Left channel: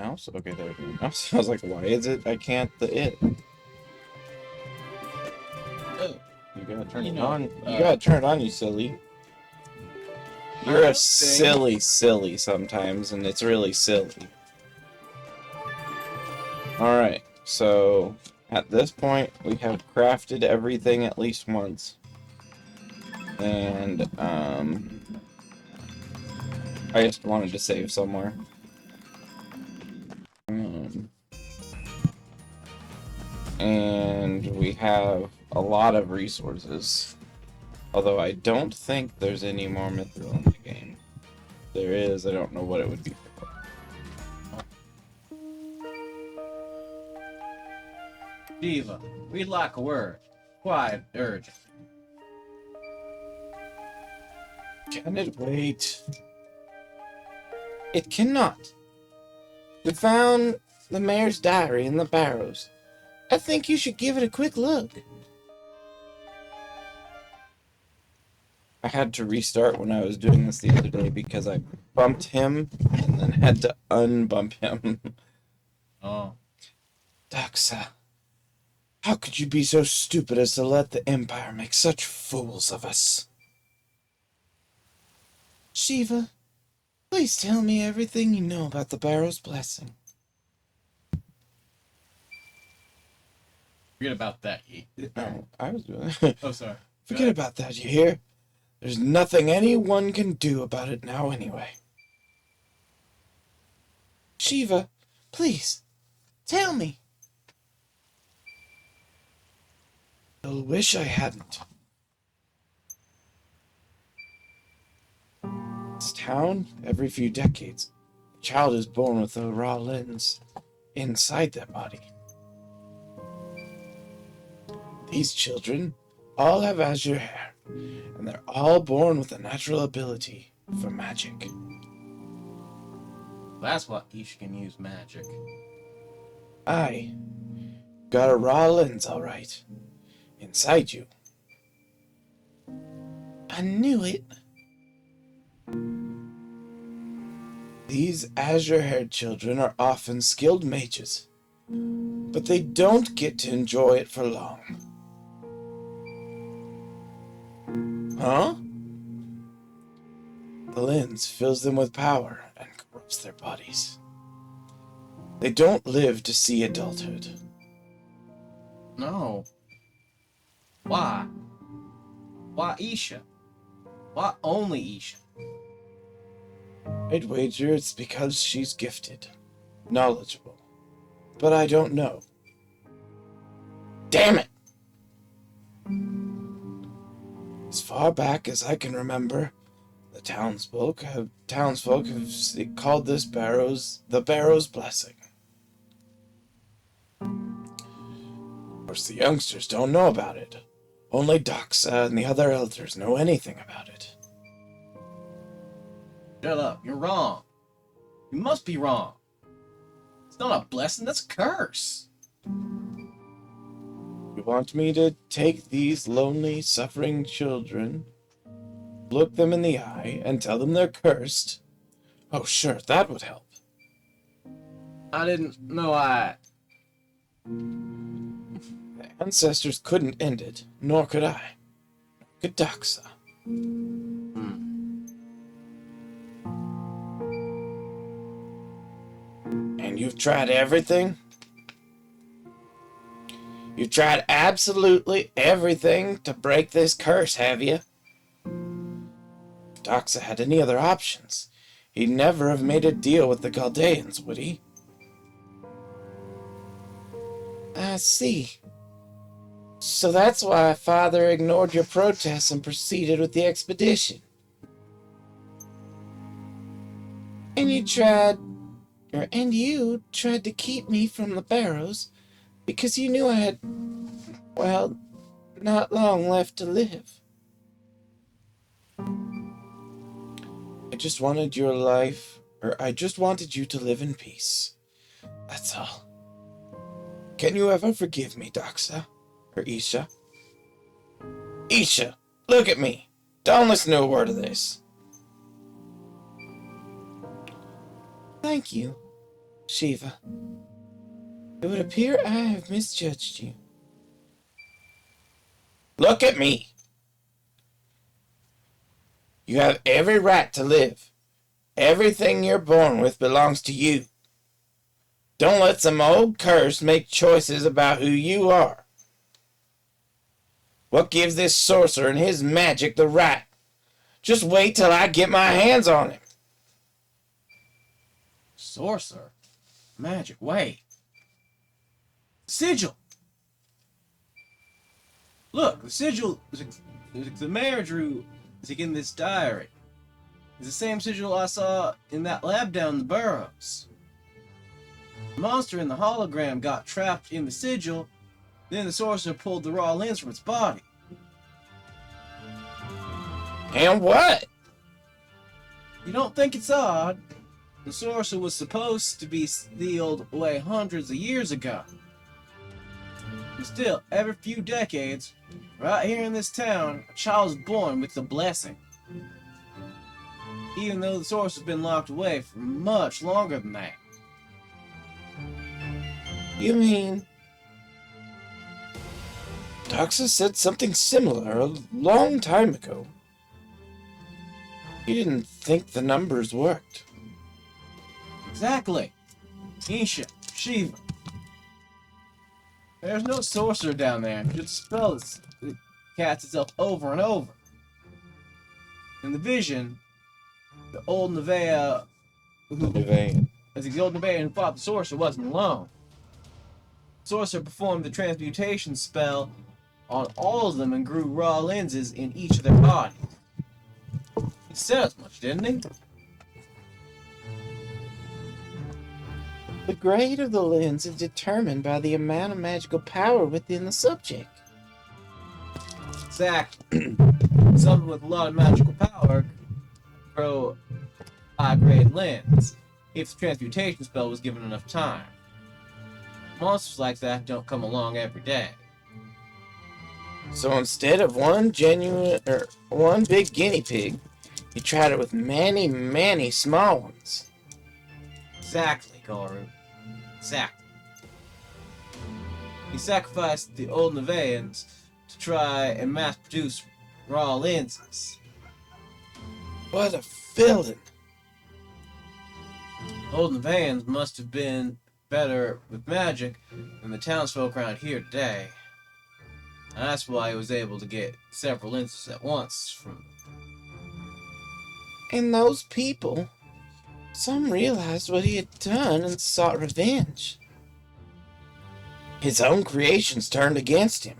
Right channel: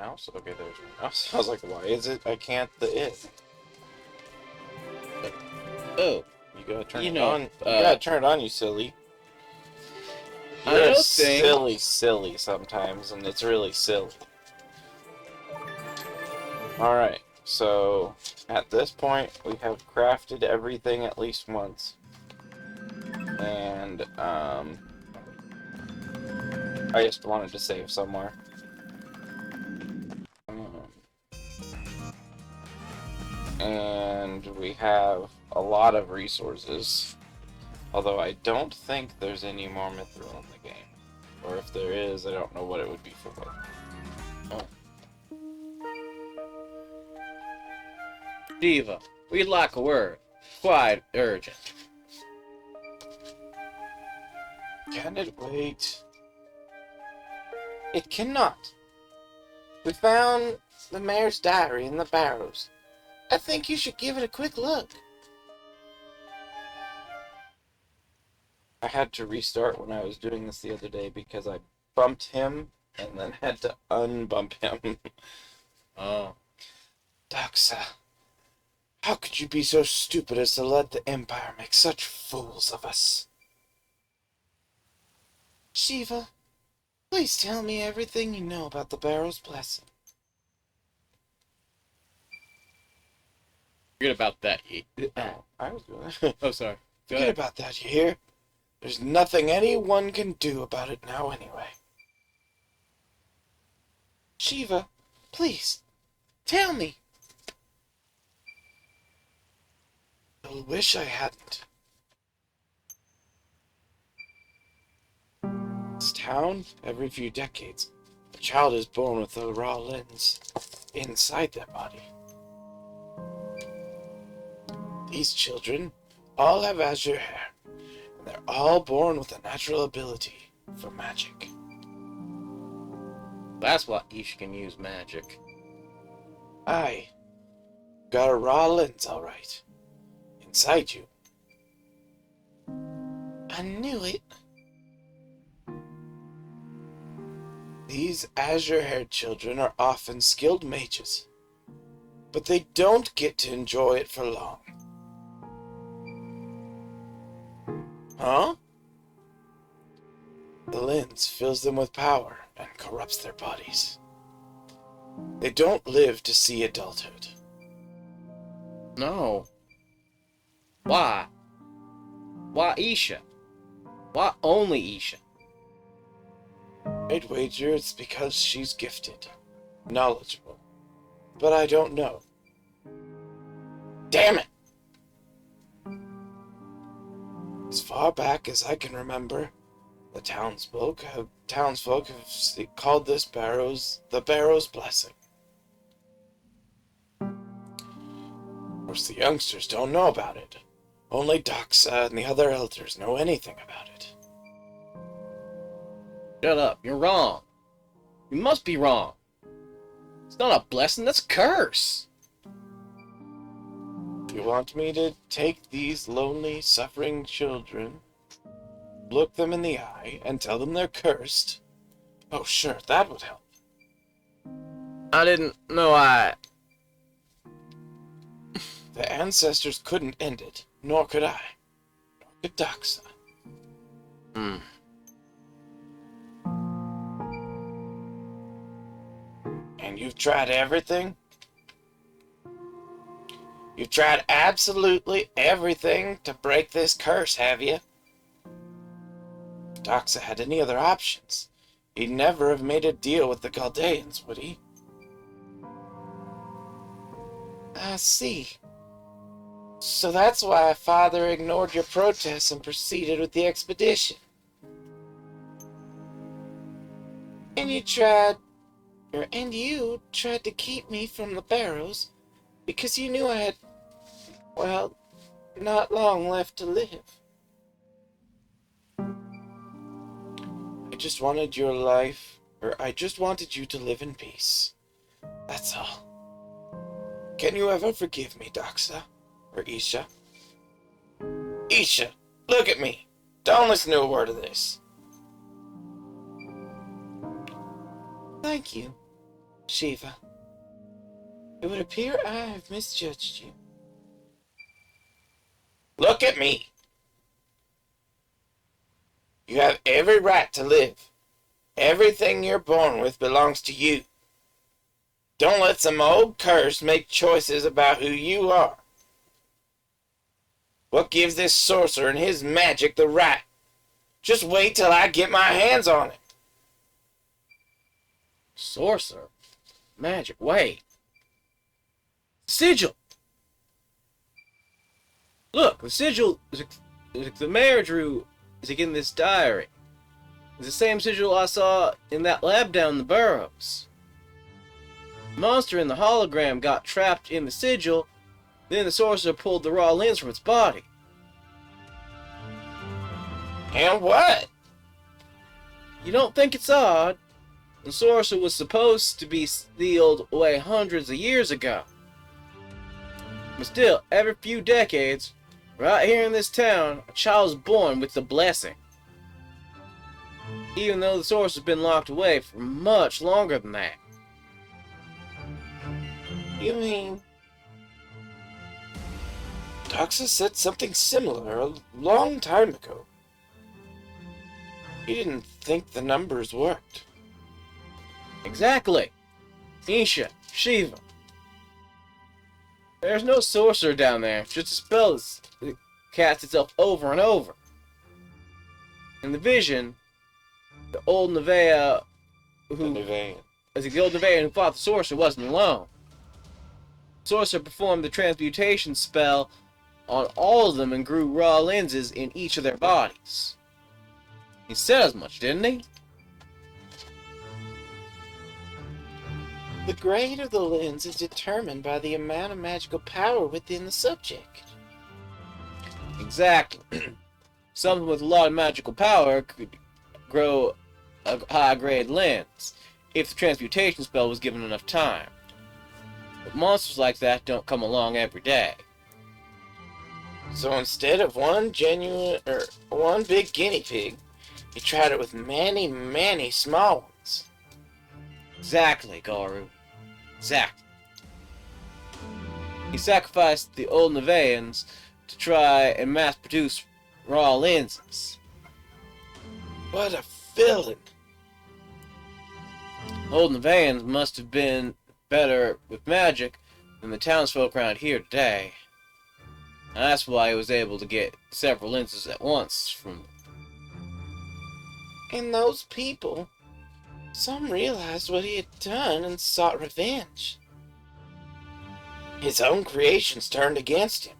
mouse? Okay, there's my mouse. I was like, why is it I can't it? Oh, You gotta turn you it know, on. You gotta turn it on, you silly. I You're a know thing. silly sometimes, and it's really silly. Alright, so at this point, we have crafted everything at least once. And, I just wanted to save somewhere. And we have a lot of resources. Although I don't think there's any more mithril in the game. Or if there is, I don't know what it would be for. Diva, we'd like a word. Quite urgent. Can it wait? It cannot. We found the mayor's diary in the barrows. I think you should give it a quick look. I had to restart when I was doing this the other day because I bumped him and then had to unbump him. Oh. Doxa, how could you be so stupid as to let the Empire make such fools of us? Shiva, please tell me everything you know about the Barrow's blessing. Forget about that, Ye. Oh, I was doing Oh, sorry. Forget about that, you hear? There's nothing anyone can do about it now anyway. Shiva, please, tell me. You'll wish I hadn't. This town, every few decades, a child is born with a raw lens inside their body. These children all have azure hair, and they're all born with a natural ability for magic. That's what Ish can use magic. Aye, got a raw lens, all right, inside you. I knew it. These azure-haired children are often skilled mages, but they don't get to enjoy it for long. Huh? The lens fills them with power and corrupts their bodies. They don't live to see adulthood. No. Why? Why Isha? Why only Isha? I'd wager it's because she's gifted, knowledgeable, but I don't know. Damn it! As far back as I can remember, the townsfolk have called this the Barrow's blessing. Of course, the youngsters don't know about it. Only Doxa and the other elders know anything about it. Shut up. You're wrong. You must be wrong. It's not a blessing, that's a curse. You want me to take these lonely, suffering children, look them in the eye, and tell them they're cursed? Oh, sure, that would help. I didn't know The ancestors couldn't end it, nor could I. Nor could Doxa. And you've tried everything? You've tried absolutely everything to break this curse, have you? If Doxa had any other options, he'd never have made a deal with the Chaldeans, would he? I see. So that's why Father ignored your protests and proceeded with the expedition. And you tried to keep me from the Barrows because you knew I had, well, not long left to live. I just wanted you to live in peace. That's all. Can you ever forgive me, Doxa? Or Isha? Isha, look at me. Don't listen to a word of this. Thank you. Shiva, it would appear I have misjudged you. Look at me. You have every right to live. Everything you're born with belongs to you. Don't let some old curse make choices about who you are. What gives this sorcerer and his magic the right? Just wait till I get my hands on him. Sorcerer? Magic, wait. Sigil! Look, the sigil the mayor drew is in this diary. It's the same sigil I saw in that lab down in the burrows. The monster in the hologram got trapped in the sigil, then the sorcerer pulled the raw lens from its body. And what? You don't think it's odd? The sorcerer was supposed to be sealed away hundreds of years ago. But still, every few decades, right here in this town, a child is born with the blessing. Even though the sorcerer's been locked away for much longer than that. You mean... Doxa said something similar a long time ago. He didn't think the numbers worked. Exactly. Isha, Shiva. There's no sorcerer down there, just a spell that casts itself over and over. In the vision, the old Nevaeh the old Nevaeh who fought the sorcerer wasn't alone. The sorcerer performed the transmutation spell on all of them and grew raw lenses in each of their bodies. He said as much, didn't he? The grade of the lens is determined by the amount of magical power within the subject. Exactly. Someone with a lot of magical power could grow a high-grade lens if the transmutation spell was given enough time. But monsters like that don't come along every day. So instead of one big guinea pig, he tried it with many, many small ones. Exactly, Garu. Exactly. He sacrificed the old Nevaehans to try and mass-produce raw lenses. What a villain! Old Nevaehans must have been better with magic than the townsfolk around here today. And that's why he was able to get several lenses at once from them. And those people, some realized what he had done and sought revenge. His own creations turned against him.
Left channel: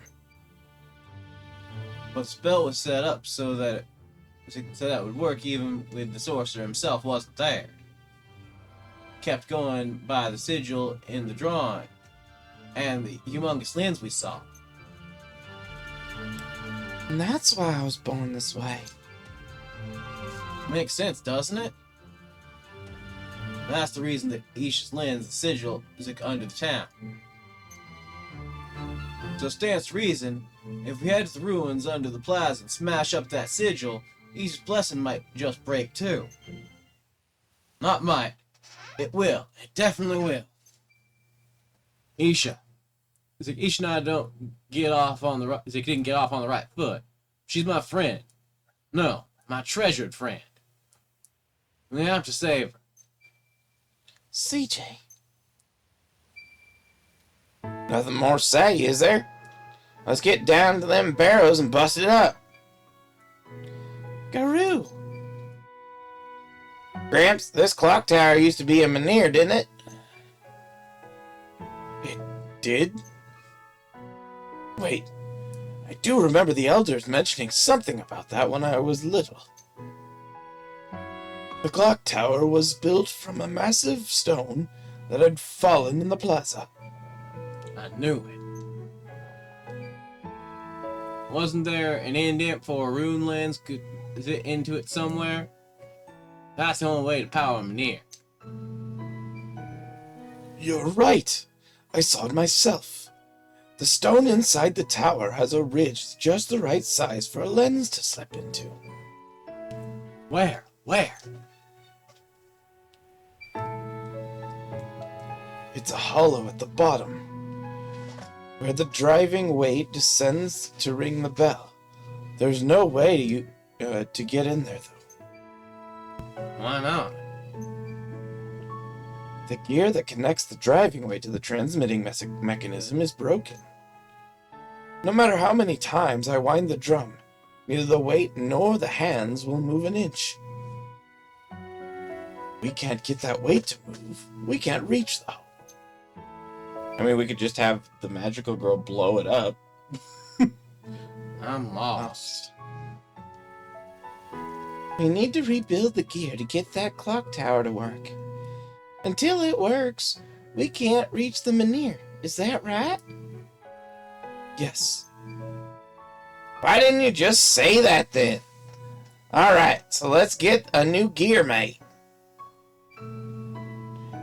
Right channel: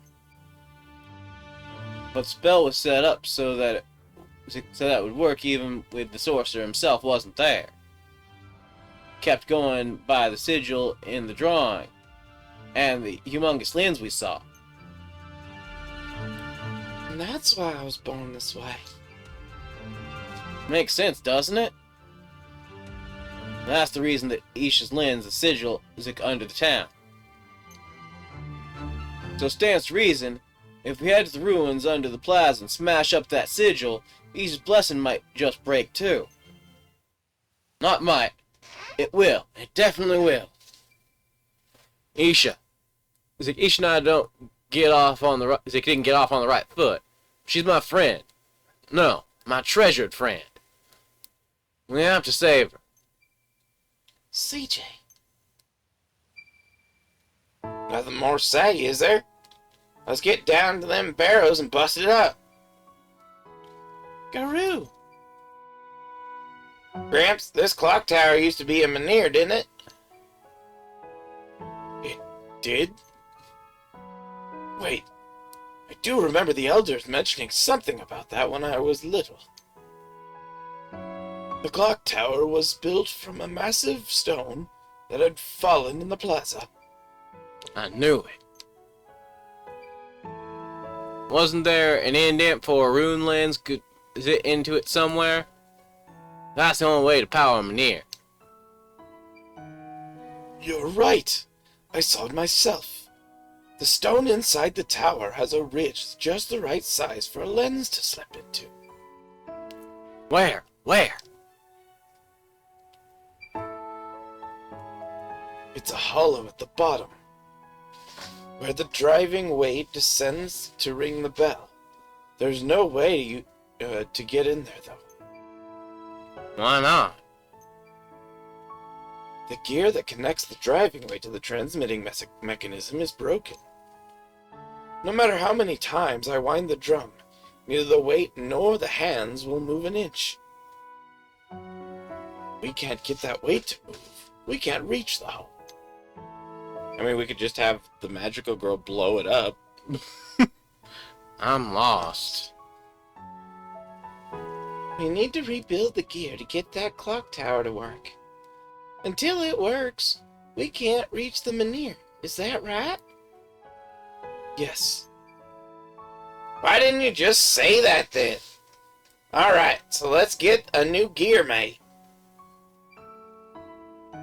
But the spell was set up so that it would work even when the sorcerer himself wasn't there. Kept going by the sigil in the drawing, and the humongous lens we saw. And that's why I was born this way. Makes sense, doesn't it? That's the reason that Isha's lens, the sigil, is under the town. So it stands to reason, if we head to the ruins under the plaza and smash up that sigil, Isha's blessing might just break too. Not might. It will. It definitely will. Isha. Isha and I don't get off on the right. Didn't get off on the right foot. She's my friend. No, my treasured friend. We have to save her. CJ. Nothing more to say, is there? Let's get down to them barrows and bust it up. Garoo! Gramps, this clock tower used to be a menhir, didn't it? It did? Wait, I do remember the elders mentioning something about that when I was little. The clock tower was built from a massive stone that had fallen in the plaza. I knew it. Wasn't there an indent for a rune lens? Could zit into it somewhere? That's the only way to power a menhir. You're right. I saw it myself. The stone inside the tower has a ridge just the right size for a lens to slip into. Where? Where? It's a hollow at the bottom, where the driving weight descends to ring the bell. There's no way to get in there, though. Why not? The gear that connects the driving weight to the transmitting mechanism is broken. No matter how many times I wind the drum, neither the weight nor the hands will move an inch. We can't get that weight to move. We can't reach the hole. I mean, we could just have the magical girl blow it up. I'm lost. We need to rebuild the gear to get that clock tower to work. Until it works, we can't reach the Menhir. Is that right? Yes. Why didn't you just say that then? Alright, so let's get a new gear made.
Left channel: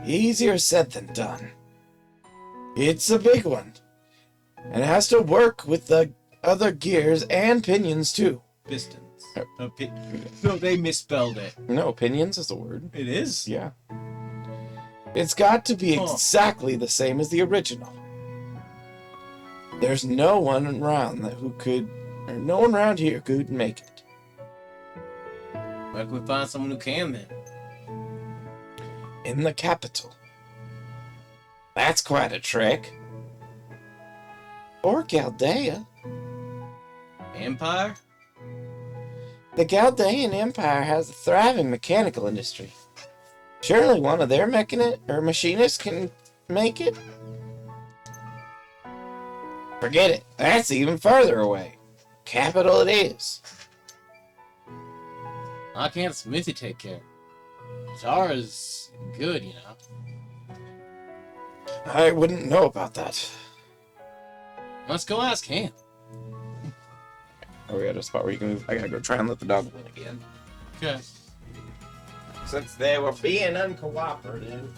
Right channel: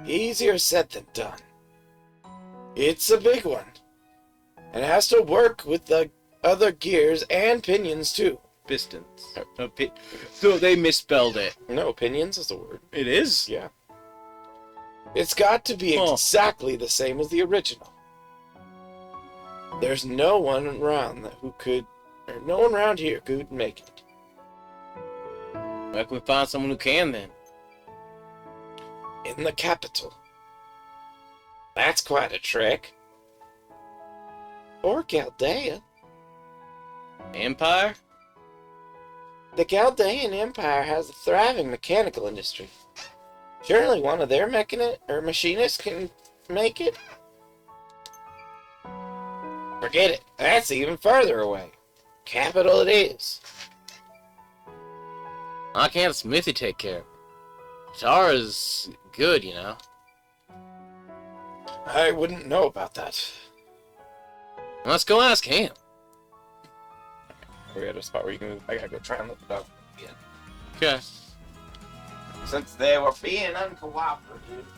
Easier said than done. It's a big one. It has to work with the other gears and pinions too. Pistons. So they misspelled it. No, pinions is a word. It is? Yeah. It's got to be exactly the same as the original. There's no one around no one around here could make it. Where can we find someone who can then? In the capital. That's quite a trek. Or Chaldea. Empire? The Chaldean Empire has a thriving mechanical industry. Surely one of their machinists can make it? Forget it. That's even further away. Capital it is. Why can't Smithy take care of it? Tara's good, you know. I wouldn't know about that. Let's go ask him. We're at a spot where I gotta go try and let the dog in again. Okay. Since they were being uncooperative.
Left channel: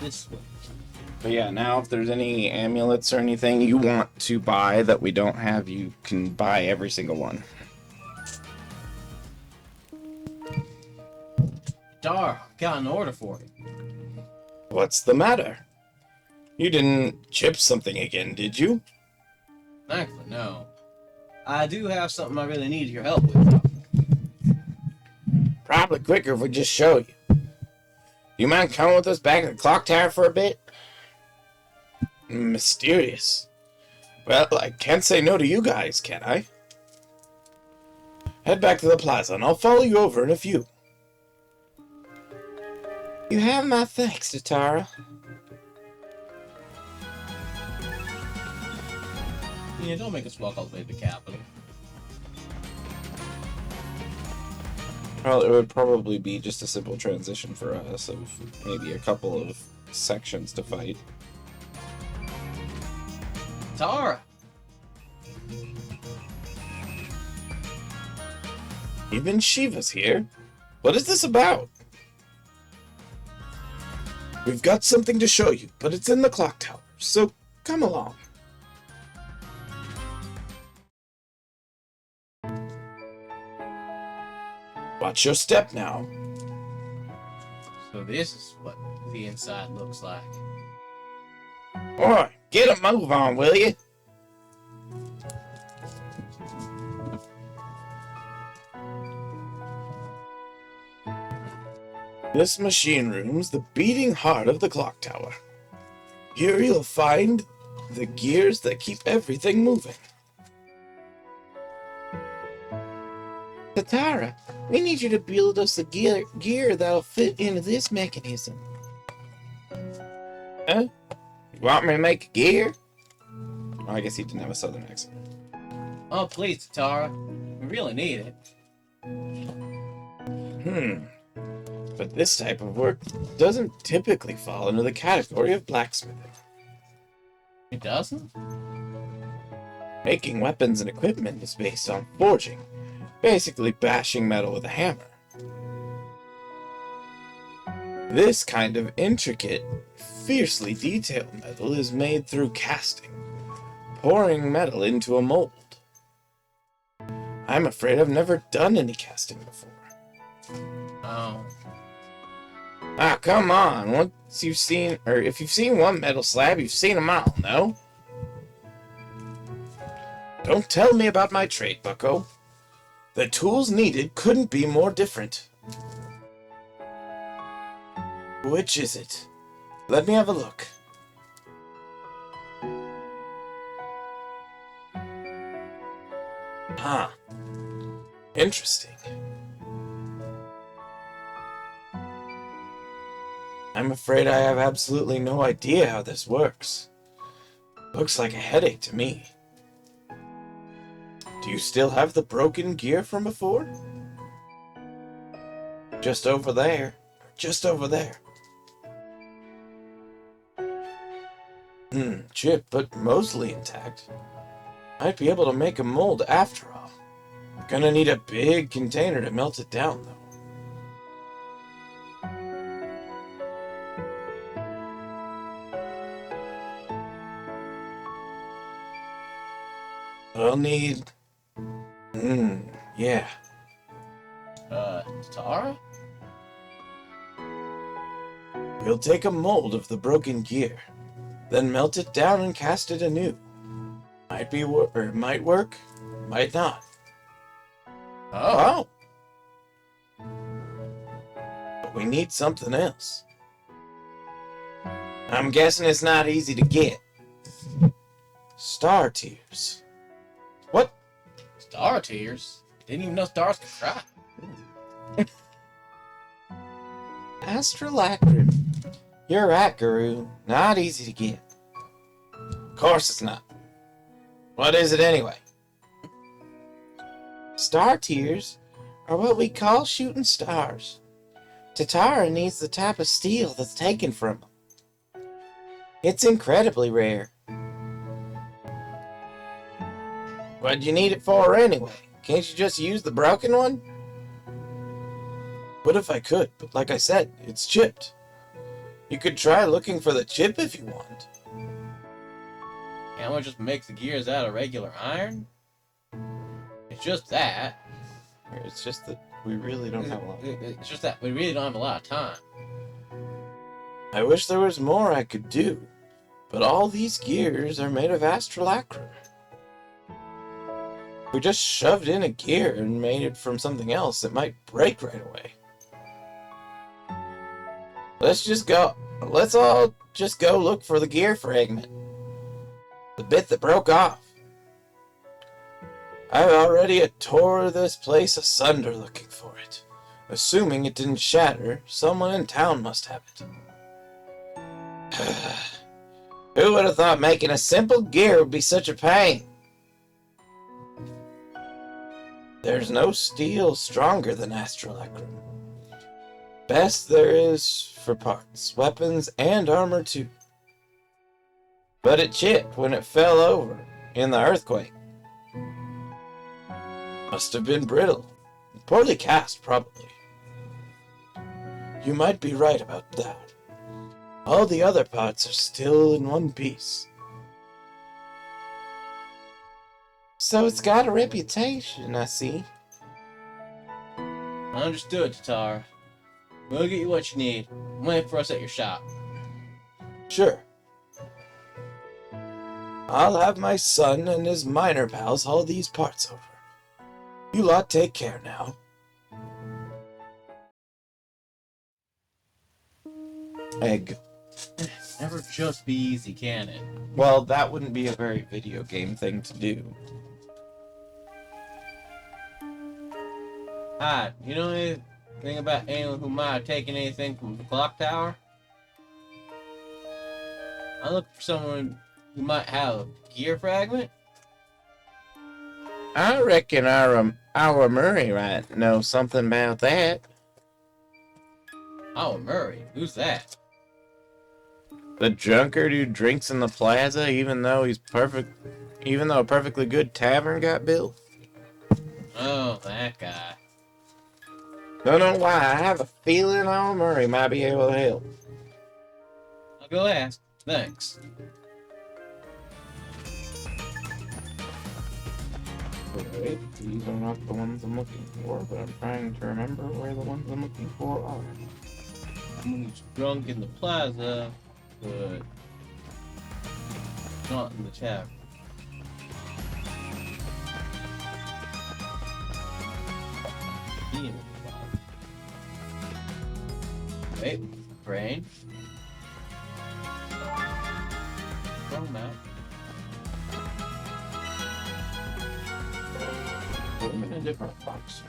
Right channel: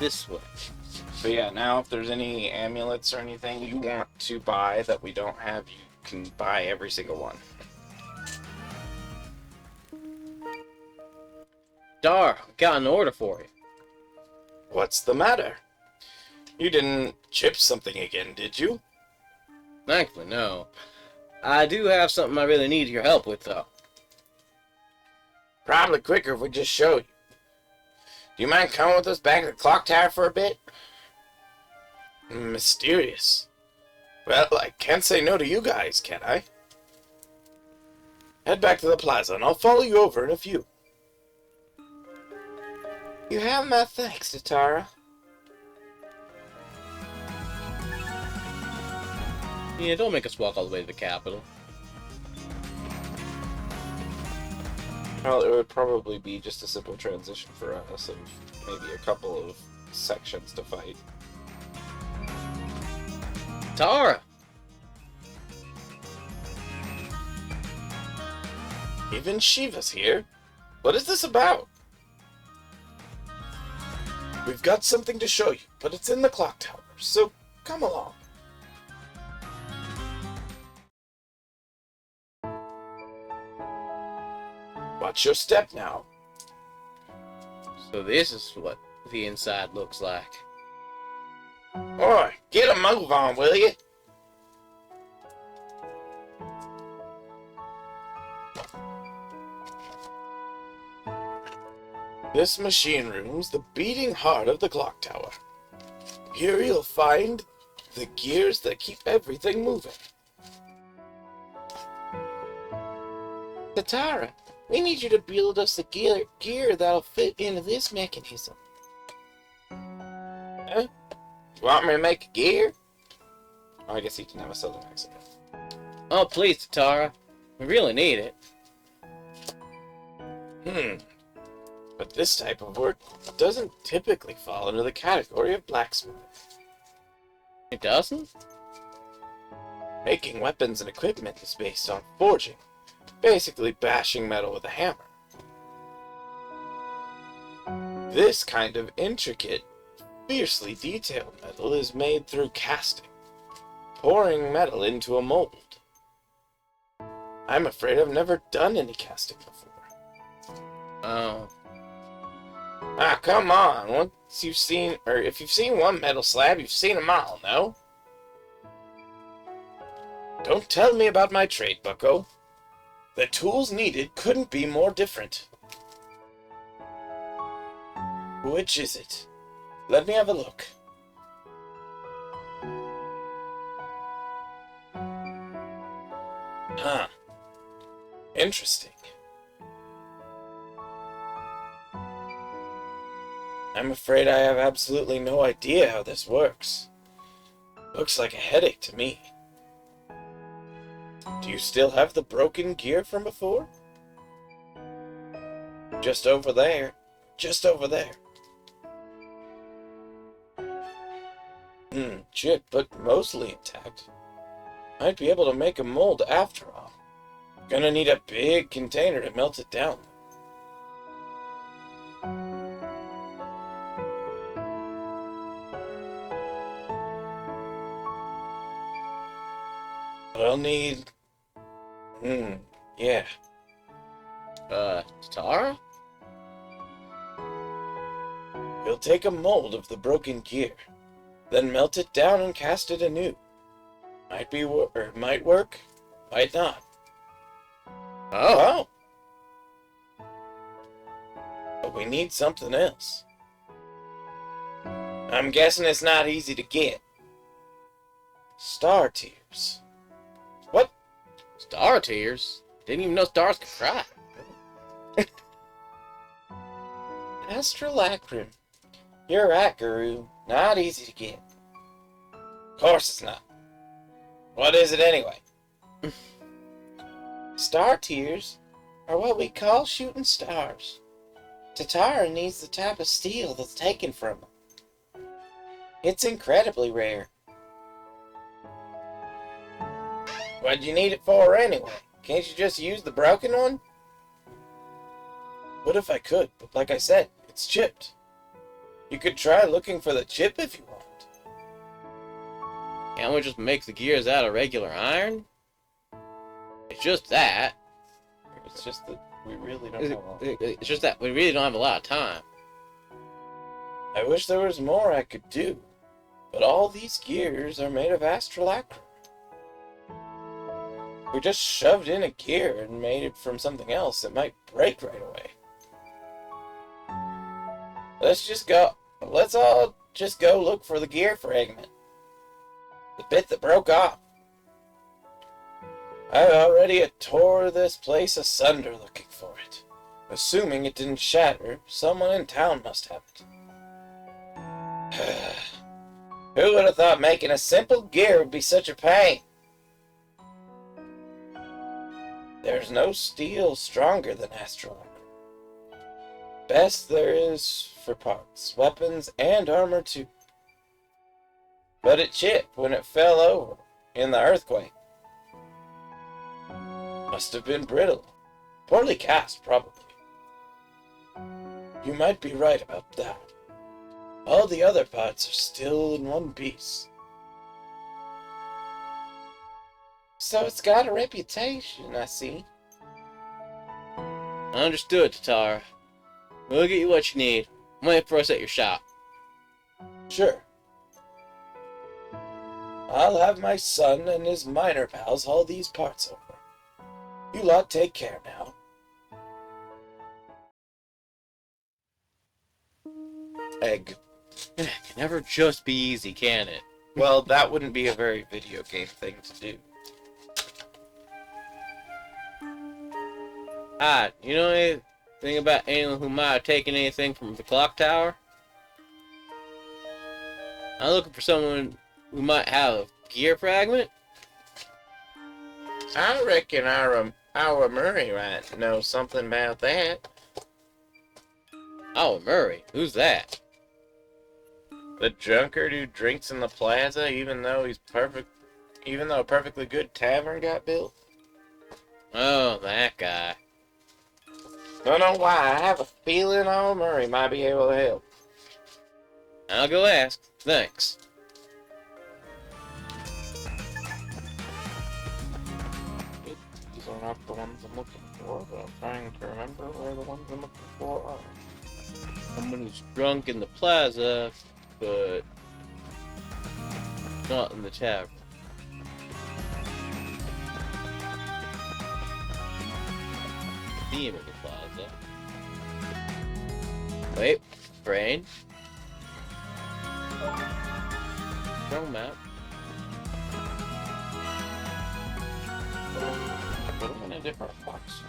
This way. But yeah, now if there's any amulets or anything you want to buy that we don't have, you can buy every single one. Dar, got an order for you. What's the matter? You didn't chip something again, did you? Thankfully, no. I do have something I really need your help with, though. Probably quicker if we just showed you. Do you mind coming with us back to the clock tower for a bit? Mysterious. Well, I can't say no to you guys, can I? Head back to the plaza and I'll follow you over in a few. You have my thanks, Tatara. Yeah, don't make us walk all the way to the capital. Well, it would probably be just a simple transition for us of maybe a couple of sections to fight. Tara! Even Shiva's here. What is this about? We've got something to show you, but it's in the clock tower, so come along. Watch your step now. So this is what the inside looks like. Boy, get a move on, will you? This machine room's the beating heart of the clock tower. Here you'll find the gears that keep everything moving. Katara, we need you to build us a gear that'll fit into this mechanism. Huh? You want me to make a gear? Oh, I guess he didn't have a southern accent. Oh, please, Tatara. We really need it. But this type of work doesn't typically fall into the category of blacksmithing. It doesn't? Making weapons and equipment is based on forging, basically bashing metal with a hammer. This kind of intricate, fiercely detailed metal is made through casting, pouring metal into a mold. I'm afraid I've never done any casting before. Oh. Ah, come on. If you've seen one metal slab, you've seen them all, no? Don't tell me about my trade, bucko. The tools needed couldn't be more different. Which is it? Let me have a look. Huh. Interesting. I'm afraid I have absolutely no idea how this works. Looks like a headache to me. Do you still have the broken gear from before? Just over there. Just over there. Chip, but mostly intact. Might be able to make a mold after all. Gonna need a big container to melt it down, though. I'll need... yeah. Tatara? We'll take a mold of the broken gear, then melt it down and cast it anew. Might work, might not. Oh. But we need something else. I'm guessing it's not easy to get. Star tears. What? Star tears? Didn't even know stars could cry. Astrolacrim. You're right, Guru. Not easy to get. Of course it's not. What is it anyway? Star tears are what we call shooting stars. Tatara needs the type of steel that's taken from them. It's incredibly rare. What'd you need it for anyway? Can't you just use the broken one? What if I could? But like I said, it's chipped. You could try looking for the chip if you want. Can't we just make the gears out of regular iron? It's just that. It's just that we really don't have a lot. It's just that we really don't have a lot of time. I wish there was more I could do, but all these gears are made of astrolacrum. If we just shoved in a gear and made it from something else, it might break right away. Let's all just go look for the gear fragment. The bit that broke off. I already tore this place asunder looking for it. Assuming it didn't shatter, someone in town must have it. Who would have thought making a simple gear would be such a pain? There's no steel stronger than astrolacrum. Best there is for parts, weapons, and armor too. But it chipped when it fell over in the earthquake. Must have been brittle. Poorly cast, probably. You might be right about that. All the other parts are still in one piece. So it's got a reputation, I see. Understood, Tatara. We'll get you what you need. I'm waiting for us at your shop. Sure. I'll have my son and his miner pals haul these parts over. You lot take care now. Egg. It can never just be easy, can it? Well, that wouldn't be a very video game thing to do. Hi, you know anything about anyone who might have taken anything from the clock tower? I'm looking for someone who might have a gear fragment. I reckon our Murray might know something about that. Oh, Murray, who's that? The drunkard who drinks in the plaza, even though a perfectly good tavern got built. Oh, that guy. Don't know why. I have a feeling our Murray might be able to help. I'll go ask. Thanks. Okay, these are not the ones I'm looking for, but I'm trying to remember where the ones I'm looking for are. Someone who's drunk in the plaza, but not in the tavern. Theme of the plaza. Wait, brain. Throw him out. Put them in a different box.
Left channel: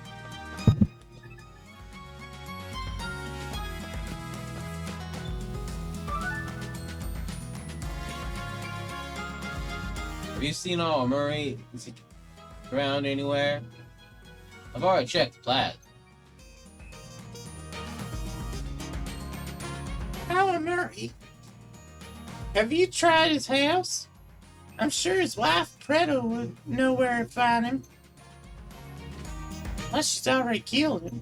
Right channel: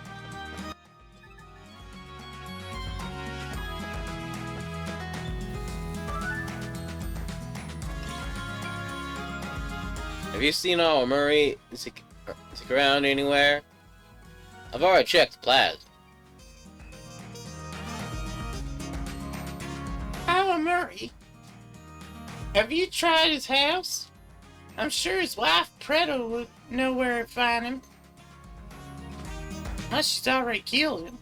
Have you seen all Murray? Is he around anywhere? I've already checked the plaza. Our Murray? Have you tried his house? I'm sure his wife, Preto, would know where to find him. Unless she's already killed him.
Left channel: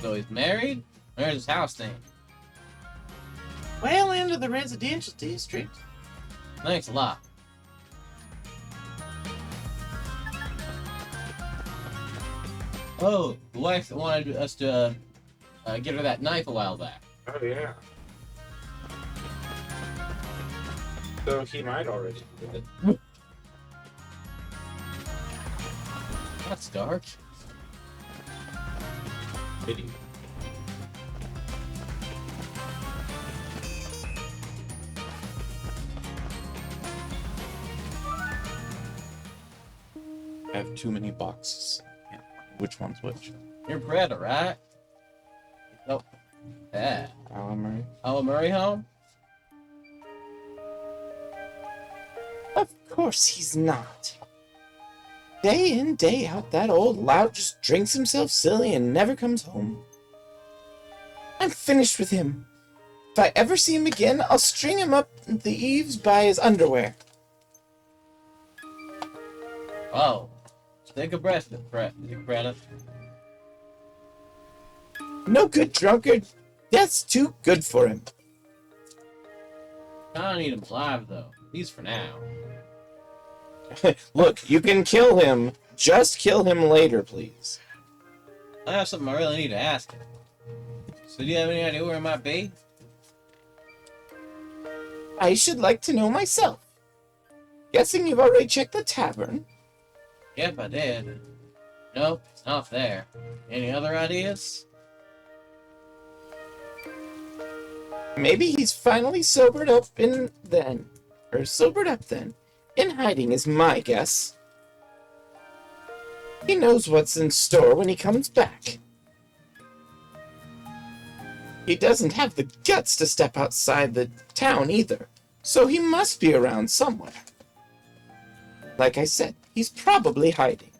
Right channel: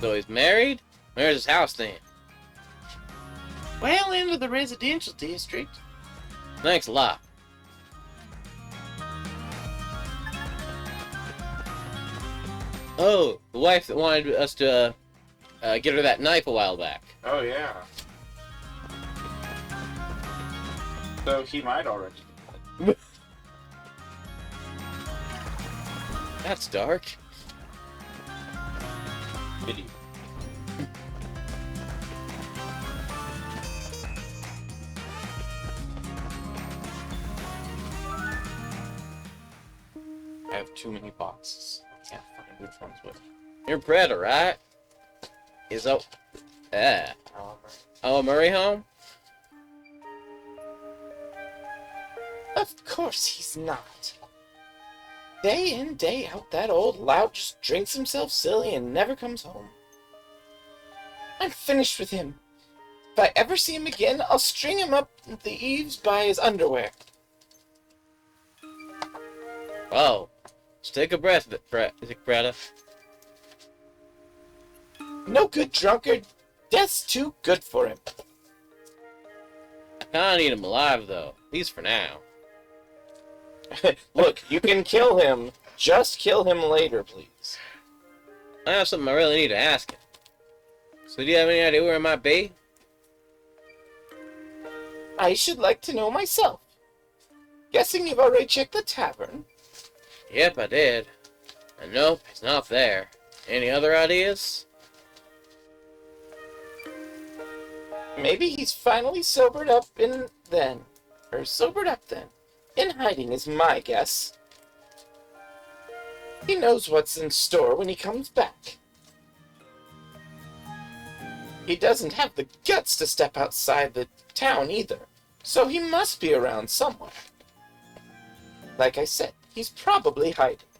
So he's married? Where's his house then? Well into the residential district. Thanks a lot. Oh, the wife that wanted us to get her that knife a while back. Oh, yeah. So he might already do it. That's dark. Video. I have too many boxes. I can't find which one's which. You're Predator, right? Is Our Murray home? Of course he's not. Day in, day out, that old lout just drinks himself silly and never comes home. I'm finished with him. If I ever see him again, I'll string him up the eaves by his underwear. Whoa. Just take a breath, Greta. No good drunkard. Death's too good for him. I kinda need him alive, though. At least for now. Look, you can kill him. Just kill him later, please. I have something I really need to ask him. So do you have any idea where it might be? I should like to know myself. Guessing you've already checked the tavern. Yep, I did. And nope, it's not there. Any other ideas? Maybe he's finally sobered up then. In hiding is my guess. He knows what's in store when he comes back. He doesn't have the guts to step outside the town either, so he must be around somewhere. Like I said, he's probably hiding.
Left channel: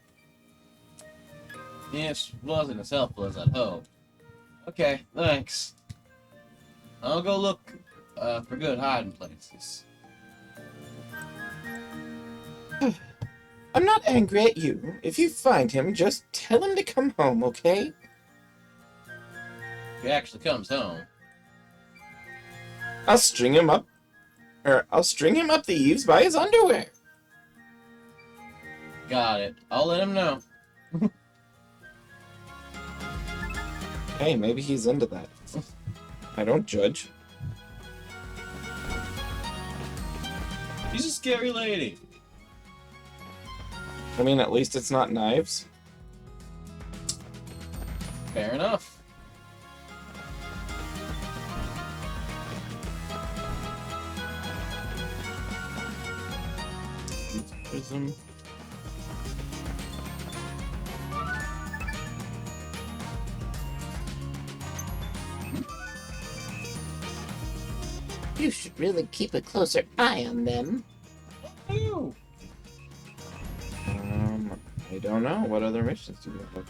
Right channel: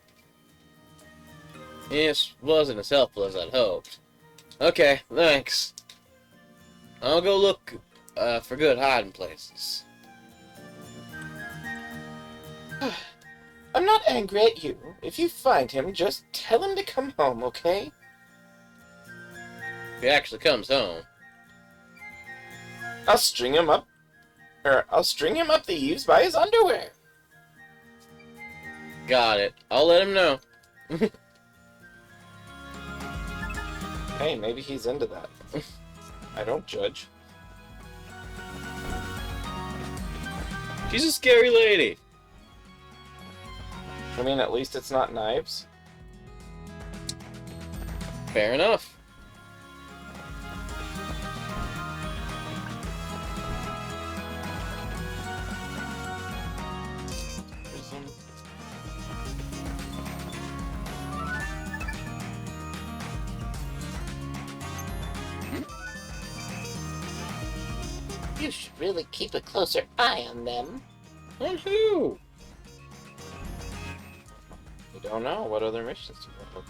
This wasn't as helpful as I'd hoped. Okay, thanks. I'll go look for good hiding places. I'm not angry at you. If you find him, just tell him to come home, okay? If he actually comes home. I'll string him up the eaves by his underwear. Got it. I'll let him know. Hey, maybe he's into that. I don't judge. She's a scary lady. I mean, at least it's not knives. Fair enough. You should really keep a closer eye on them. And who? I don't know. What other missions do we have?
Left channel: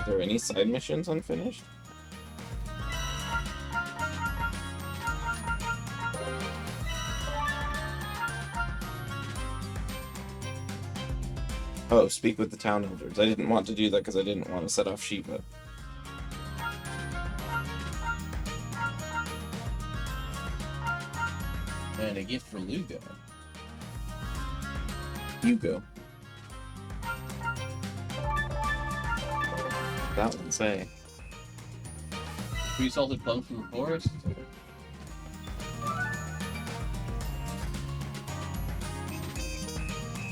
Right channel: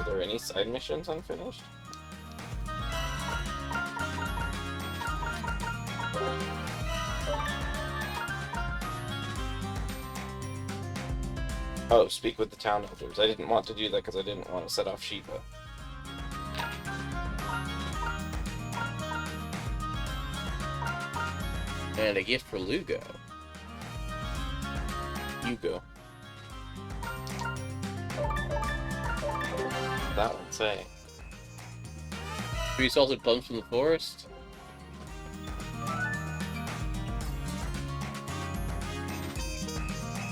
Are there any side missions unfinished? Oh, speak with the town elders. I didn't want to do that because I didn't want to set off Shiva. And a gift for Lugo. Hugo. That one say. 3 salted plums from the forest.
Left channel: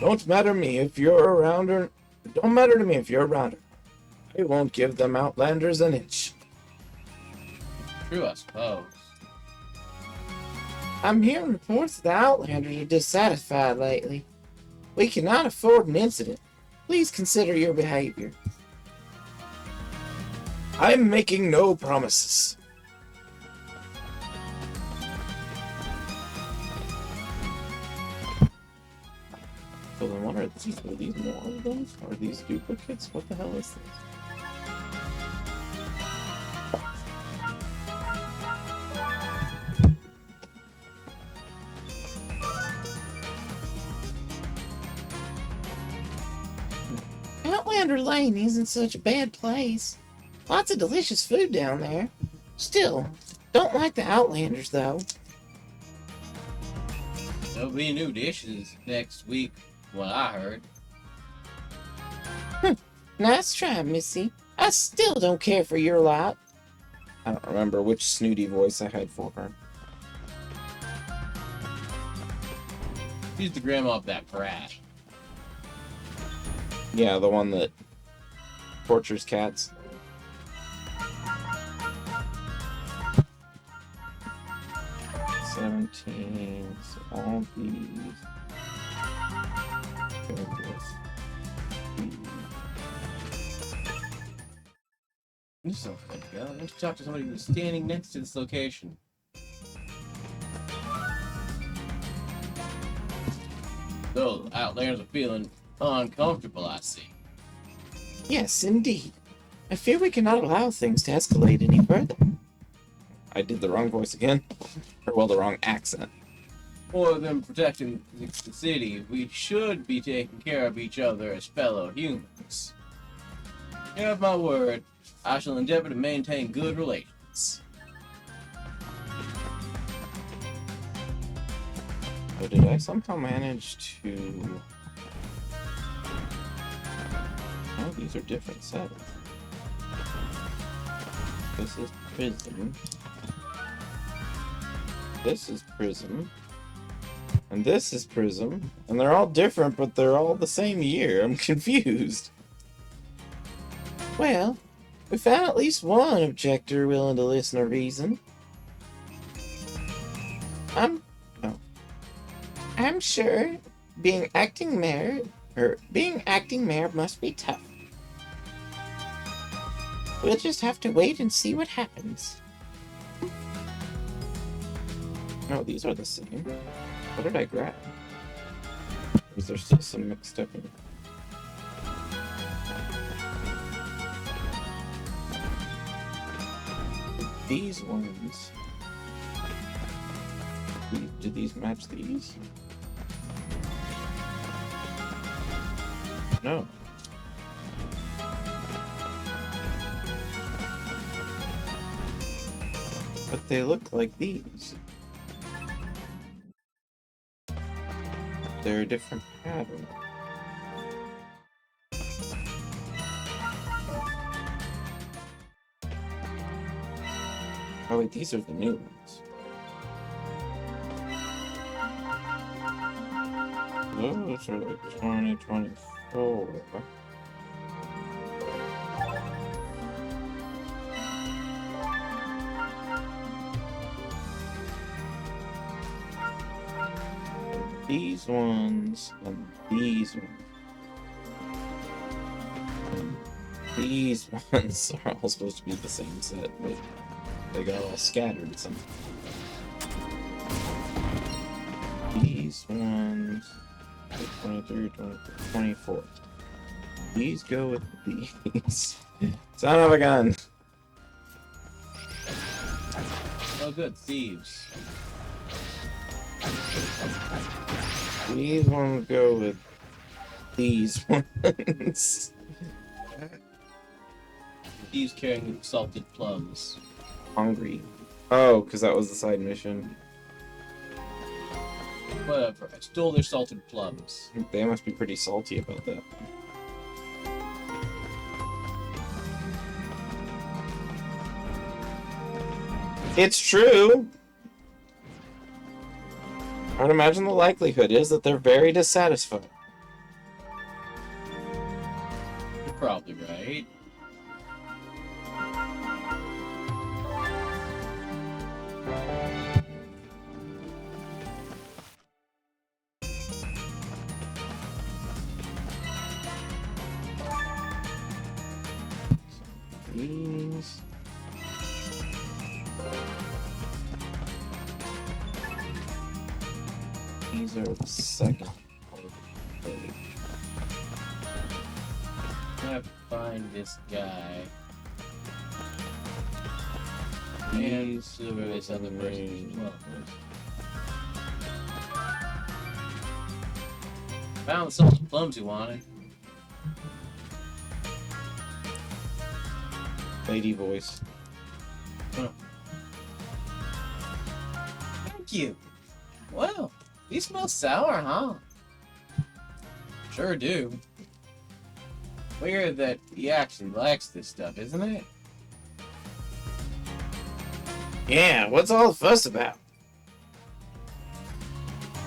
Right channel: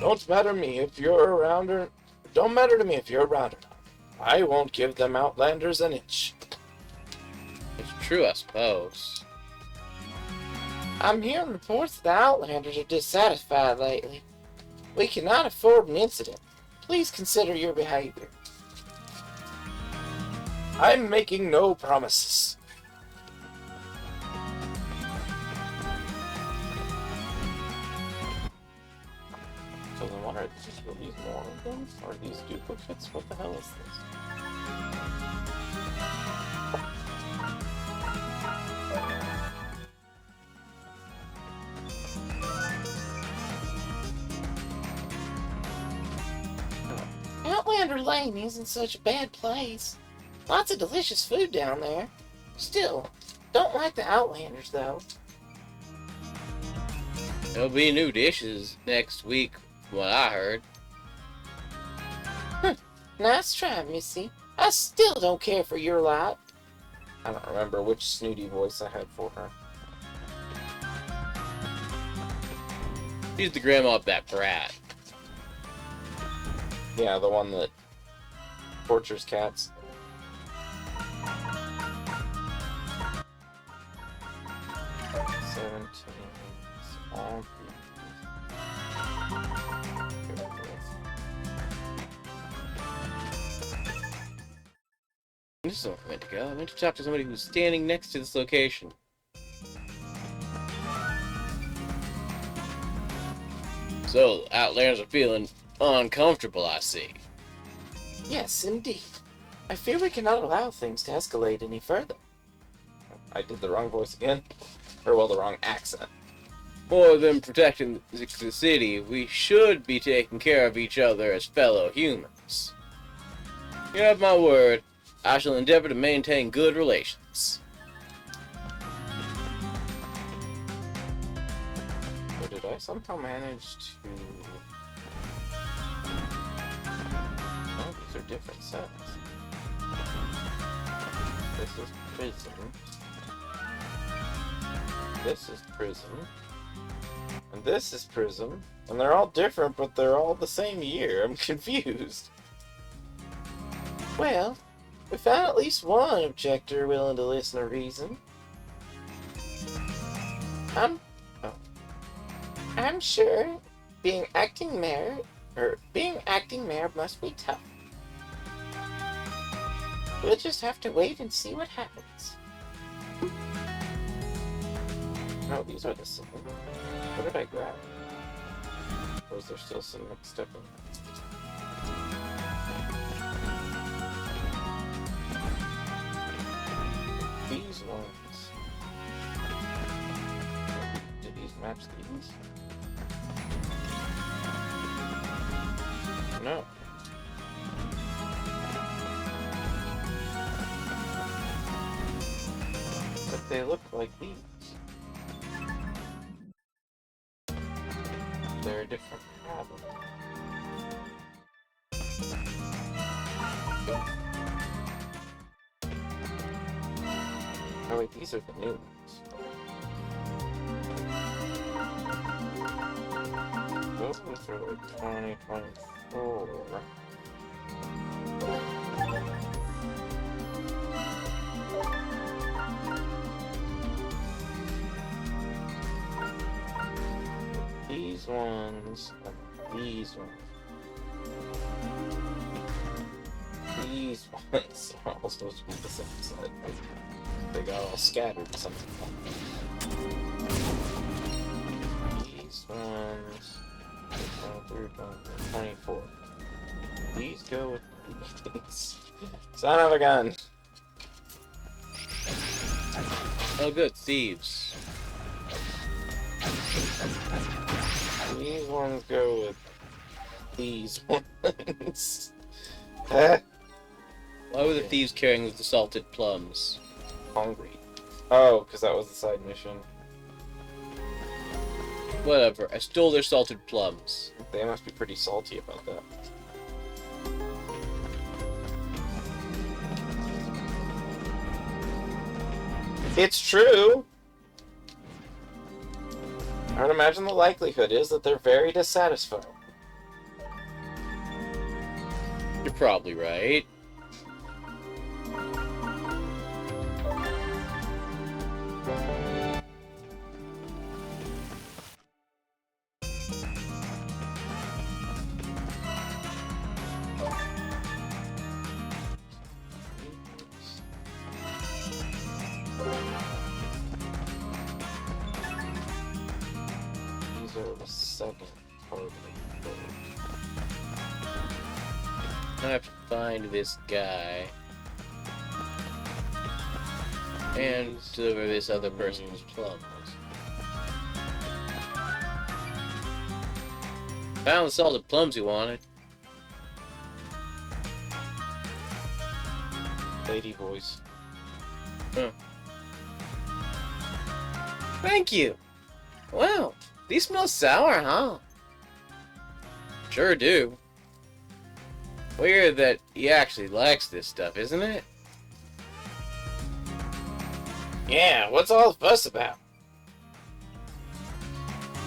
Don't matter me if you're around or don't matter to me if you're around or not. I won't give them Outlanders an inch. It's true, I suppose. I'm hearing reports that the Outlanders are dissatisfied lately. We cannot afford an incident. Please consider your behavior. I'm making no promises. So then what are these more of them? Or are these duplicates? What the hell is this? Outlander Lane isn't such a bad place. Lots of delicious food down there. Still, don't like the Outlanders, though. There'll be new dishes next week, from what I heard. Nice try, Missy. I still don't care for your lot. I don't remember which snooty voice I had for her. She's the grandma of that brat. Yeah, the one that tortures cats. All these. This is not where to go. I went to talk to somebody who's standing next to this location. So, the Outlanders are feeling uncomfortable, I see. Yes, indeed. I fear we cannot allow things to escalate any further. I did the wrong voice again. Or, well, the wrong accent. More than protecting the city, we should be taking care of each other as fellow humans. You have my word, I shall endeavor to maintain good relations. But did I somehow manage to... Oh, these are different sets. This is prison. This is prison. And this is prism. And they're all different, but they're all the same year. I'm confused. Well, we found at least one objector willing to listen to reason. I'm sure being acting mayor must be tough. We'll just have to wait and see what happens. No, these are the same. What did I grab? Or is there still some mixed up in there? These ones. Do these match these? No. But they look like these. They're a different pattern. Oh wait, these are the new ones. Those are like 2024. These ones and these ones. These ones are all supposed to be the same set, but they got all scattered or something. 23, 24, 24. Please go with these. Son of a gun. Oh, good. Thieves. These ones go with these ones. Why were the thieves carrying the salted plums? Hungry. Oh, because that was the side mission. Whatever. I stole their salted plums. They must be pretty salty about that. It's true! I'd imagine the likelihood is that they're very dissatisfied. You're probably right. These. These are the second part. I have to find this guy. And deliver this other person's plums. Found the salted plums you wanted. Lady voice. Thank you. Wow, these smell sour, huh? Sure do. Weird that he actually likes this stuff, isn't it? Yeah, what's all the fuss about?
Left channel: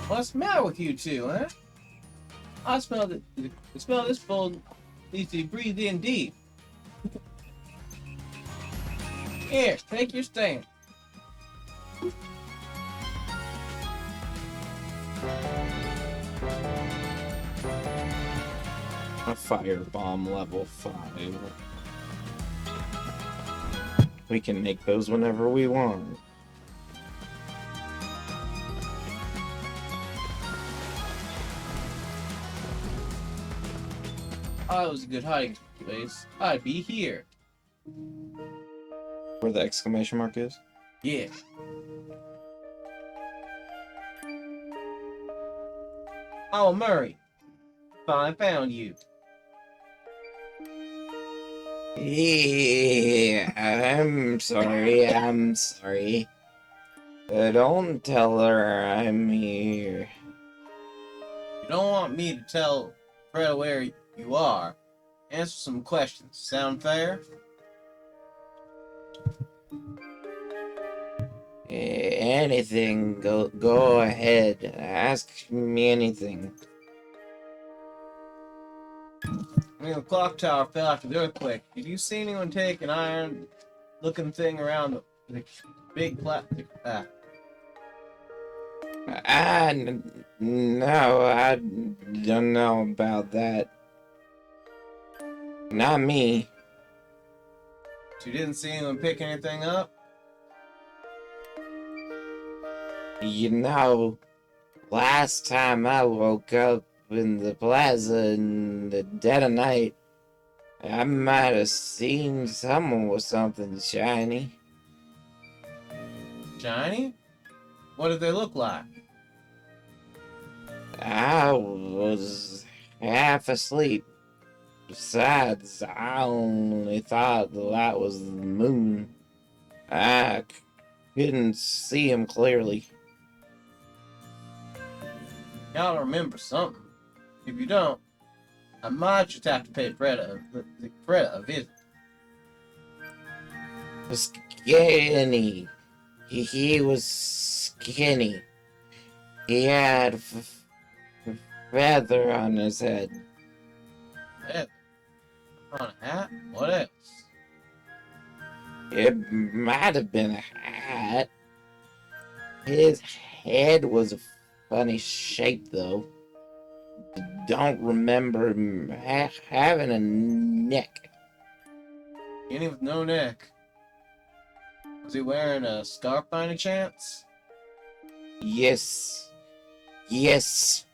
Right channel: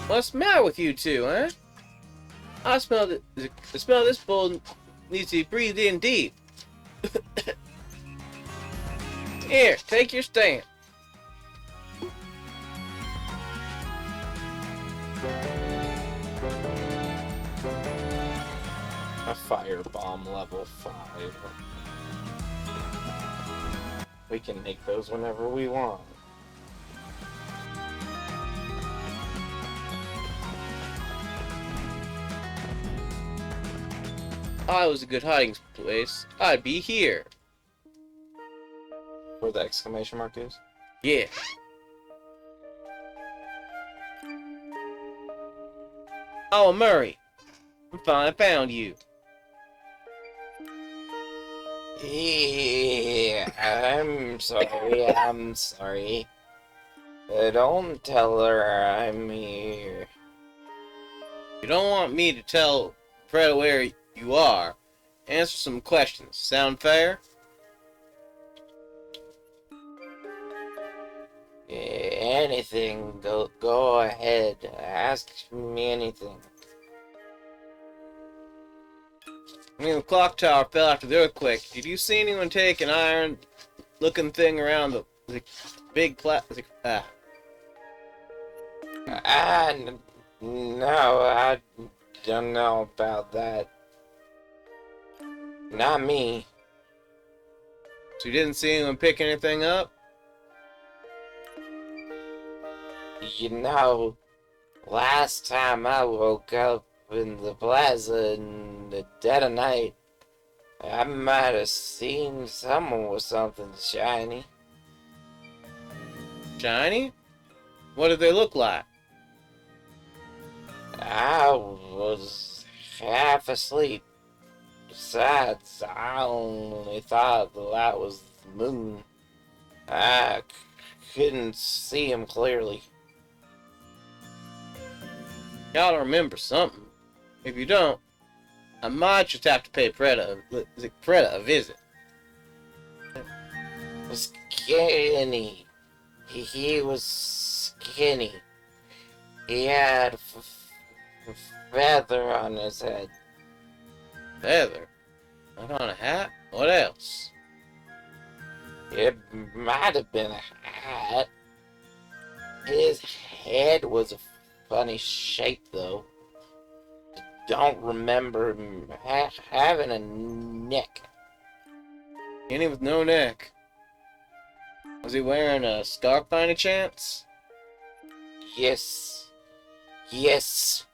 What's the matter with you two, huh? I smell that the smell of this bowl needs to be breathed in deep. Here, take your stand. A firebomb level 5. We can make those whenever we want. I was a good hiding place. I'd be here. Where the exclamation mark is? Yeah. Oh, Murray. I finally found you. Yeah, I'm sorry. Don't tell her I'm here. You don't want me to tell Fred where you are. Answer some questions. Sound fair? Anything, go ahead. Ask me anything. When the clock tower fell after the earthquake, did you see anyone take an iron-looking thing around the big plastic? No, I don't know about that. Not me. So you didn't see anyone pick anything up? You know, last time I woke up in the plaza in the dead of night, I might have seen someone with something shiny. Shiny? What did they look like? I was half asleep. Besides, I only thought that was the moon. I couldn't see him clearly. You gotta remember something. If you don't, I might just have to pay Fred a visit. Skinny. He was skinny. He had a feather on his head. Feather? Not on a hat? What else? It might have been a hat. His head was a funny shape, though. Don't remember him having a neck. Any with no neck. Was he wearing a scarf by any chance? Yes. Yes.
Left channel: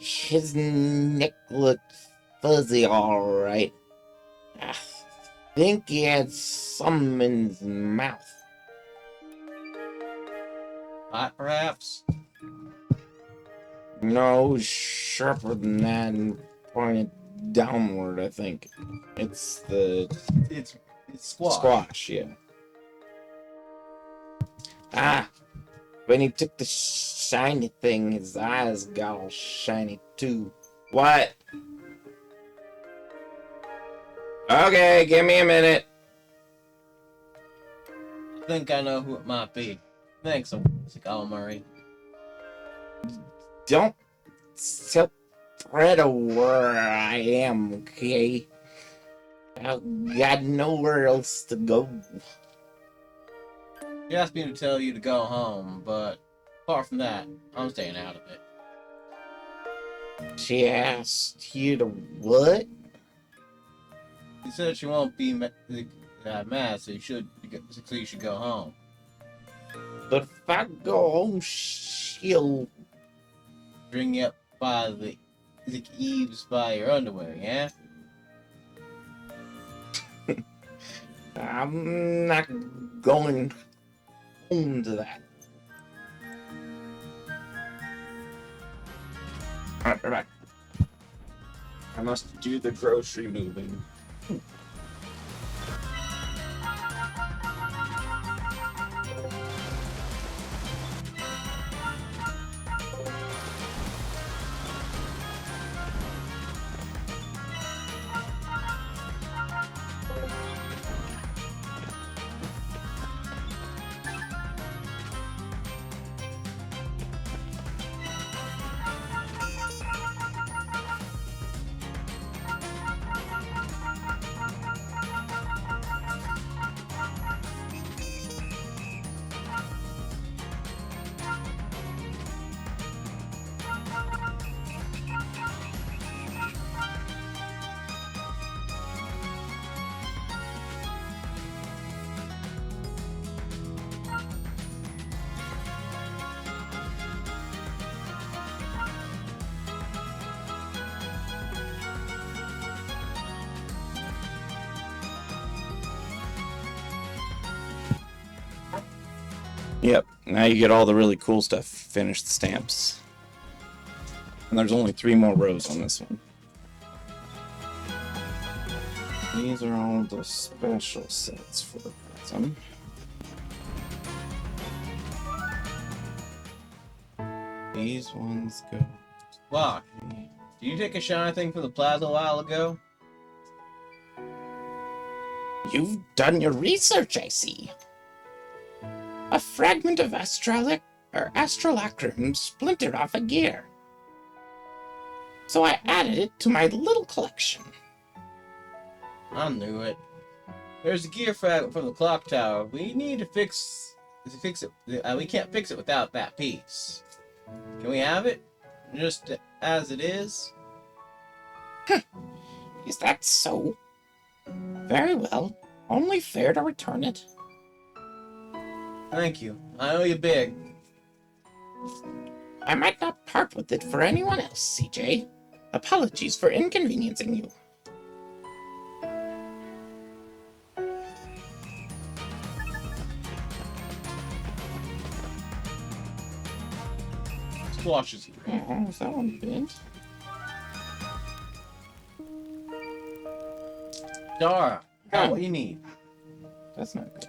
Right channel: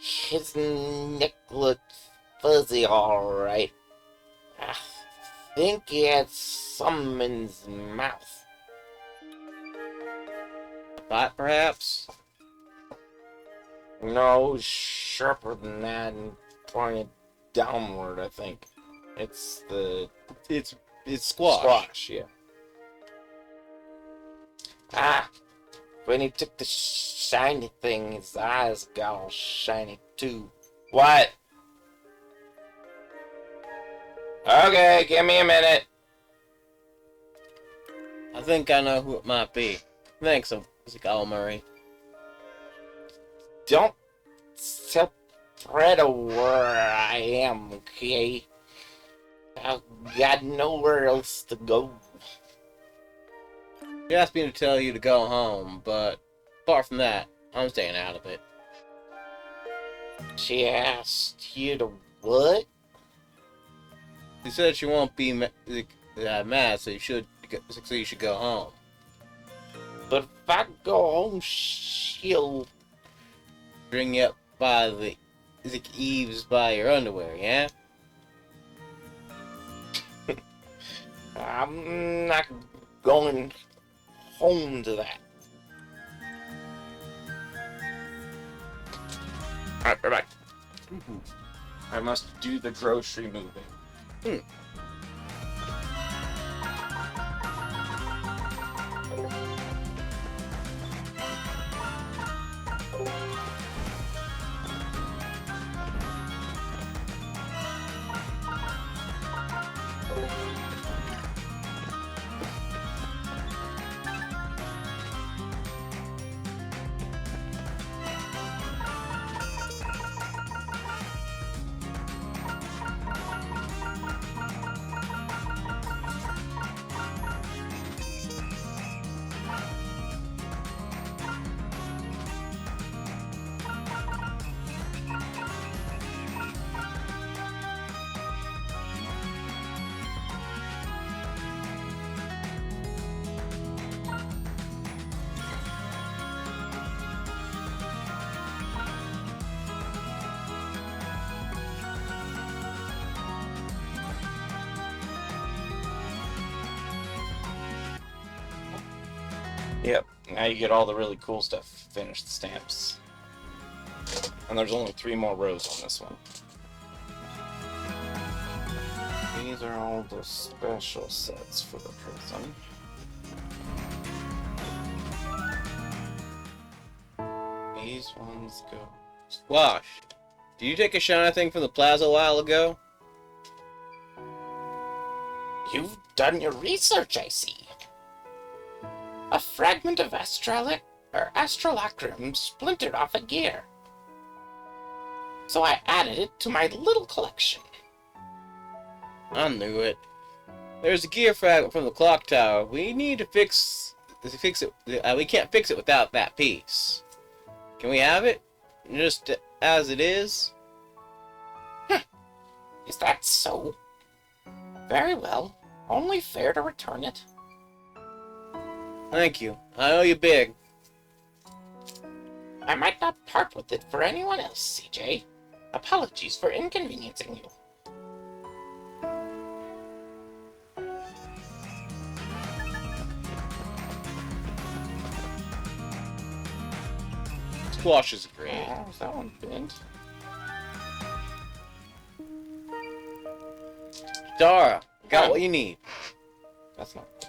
His neck looked fuzzy, alright. I think he had some in his mouth. Bite, perhaps? No, sharper than that and pointed downward, I think. It's the It's squash. squash, yeah. Ah, when he took the shiny thing, his eyes got all shiny too. What? Okay, give me a minute. I think I know who it might be. Thanks, Mr. Murray. Don't spread where I am, okay? I've got nowhere else to go. She asked me to tell you to go home, but apart from that, I'm staying out of it. She asked you to what? She said she won't be mad, so you should go home. But if I go home, she'll... Bring you up by the eaves by your underwear, yeah? I'm not going home to that. Alright, bye-bye. I must do the grocery moving. Yep, now you get all the really cool stuff. Finish the stamps. And there's only 3 more rows on this one. These are all the special sets for the prison. These ones go... Squash, did you take a shiny thing from the plaza a while ago? You've done your research, I see. A fragment of astrolacrum splintered off a gear. So I added it to my little collection. I knew it. There's a gear fragment from the clock tower. We need to fix it. We can't fix it without that piece. Can we have it? Just as it is? Is that so? Very well. Only fair to return it. Thank you. I owe you big. I might not part with it for anyone else, CJ. Apologies for inconveniencing you. Squash is great. Oh, is that one bent? Dara, got what you need. That's not good.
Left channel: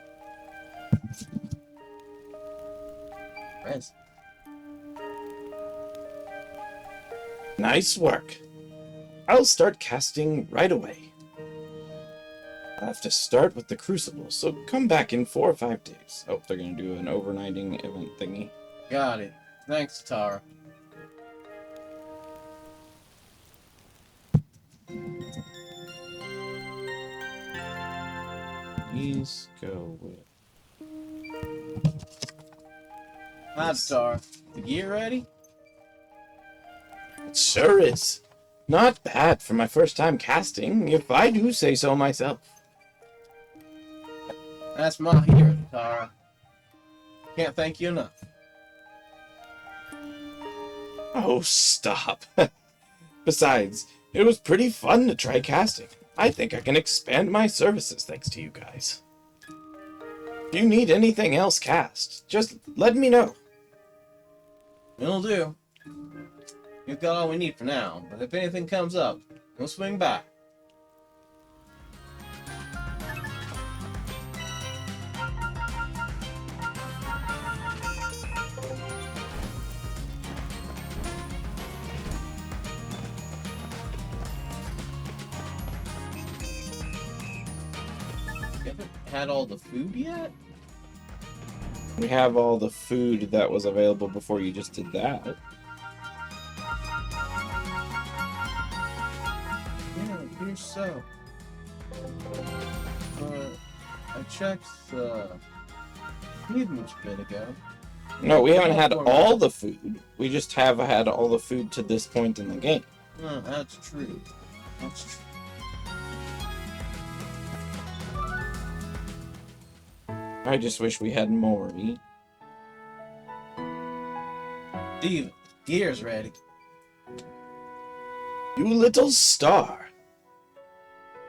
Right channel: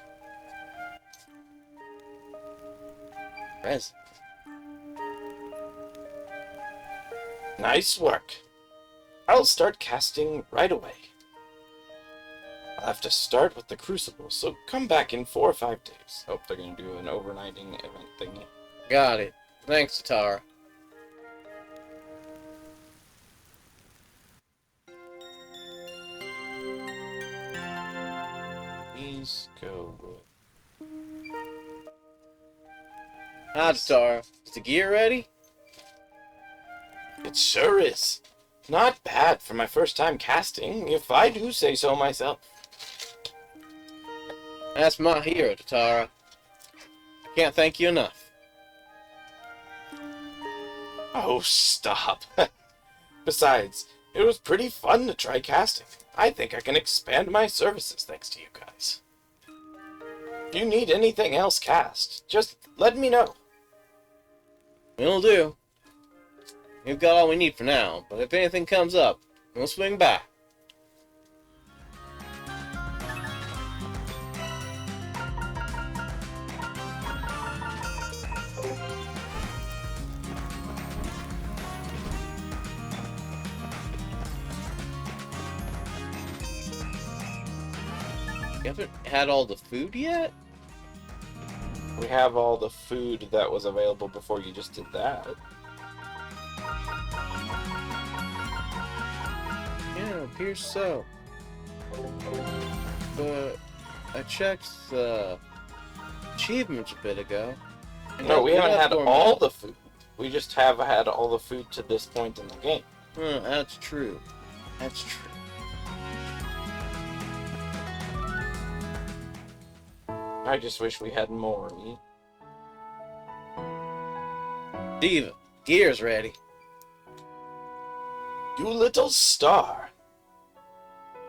Rez. Nice work. I'll start casting right away. I'll have to start with the crucible, so come back in 4 or 5 days. Oh, they're gonna do an overnighting event thingy. Got it. Thanks, Tara. Please go with... Hi, Tara. Is the gear ready? It sure is. Not bad for my first time casting, if I do say so myself. That's my hero, Tara. Can't thank you enough. Oh, stop. Besides, it was pretty fun to try casting. I think I can expand my services thanks to you guys. If you need anything else cast, just let me know. It'll do. We've got all we need for now, but if anything comes up, we'll swing by. You haven't had all the food yet? We have all the food that was available before you just did that. Yeah, it appears so. But I checked the achievements a bit ago. No, we haven't had for all me. the food. We just have had all the food to this point in the game. That's true. That's true. I just wish we had more. Diva, gear's ready. You little star.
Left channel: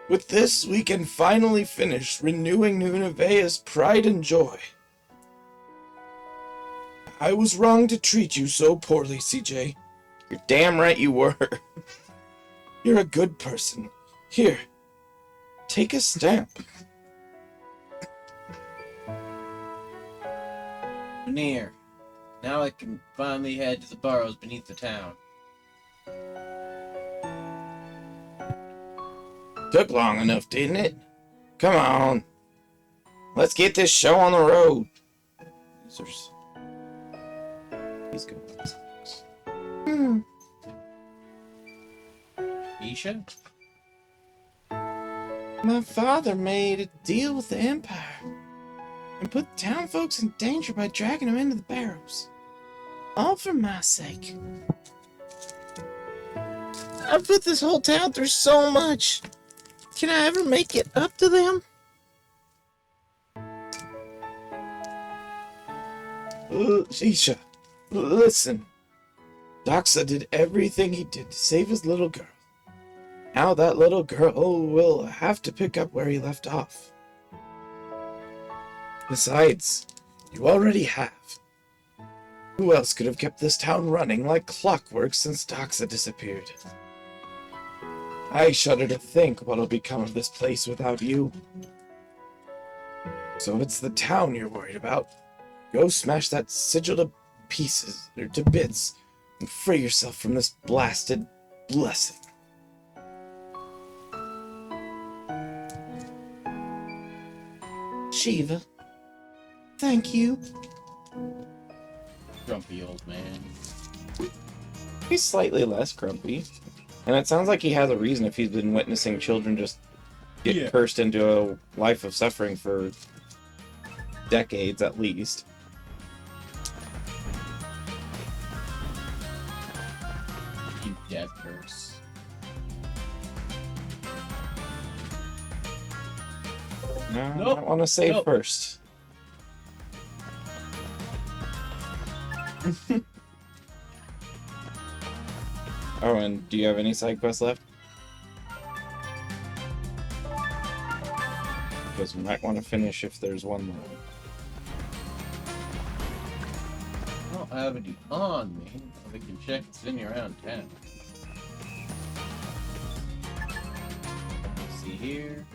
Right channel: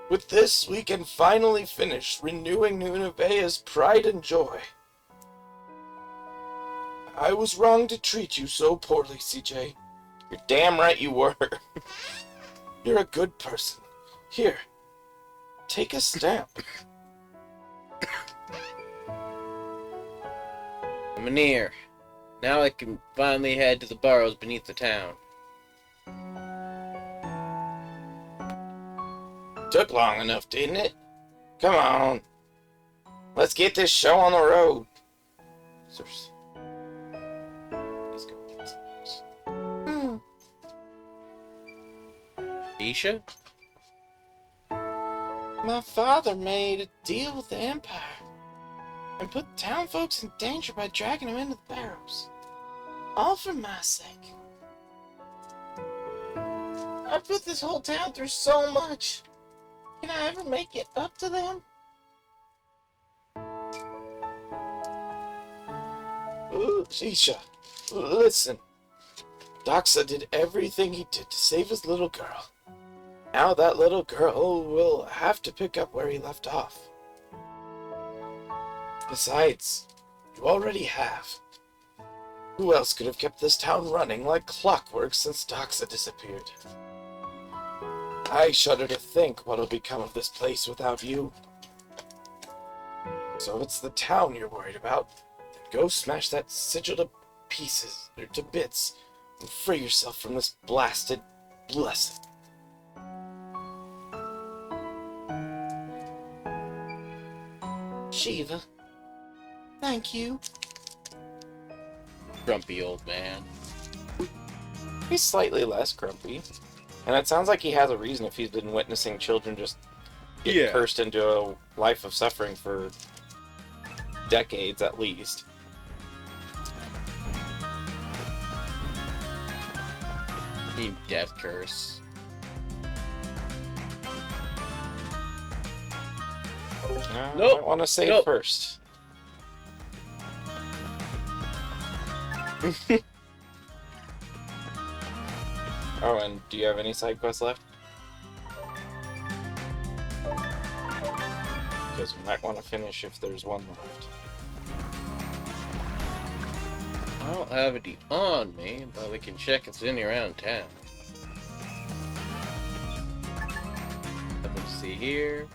With this, we can finally finish renewing New Nevaeh's pride and joy. I was wrong to treat you so poorly, CJ. You're damn right you were. You're a good person. Here, take a stamp. Mynheer, now I can finally head to the burrows beneath the town. Took long enough, didn't it? Come on. Let's get this show on the road. He's going. Isha? My father made a deal with the Empire and put town folks in danger by dragging them into the barrows. All for my sake. I put this whole town through so much. Can I ever make it up to them? Isha, listen. Doxa did everything he did to save his little girl. Now that little girl will have to pick up where he left off. Besides, you already have. Who else could have kept this town running like clockwork since Doxa disappeared? I shudder to think what'll become of this place without you. So if it's the town you're worried about, then go smash that sigil to pieces, or to bits, and free yourself from this blasted blessing. Shiva, thank you. Grumpy old man. He's slightly less grumpy. And it sounds like he has a reason if he's been witnessing children just get cursed into a life of suffering for decades at least. You death curse. No, Nope. I want to say Nope. first. Oh, and do you have any side quests left? Because we might want to finish if there's one left. I don't have it on me, but we can check if it's any around town. Let's see here.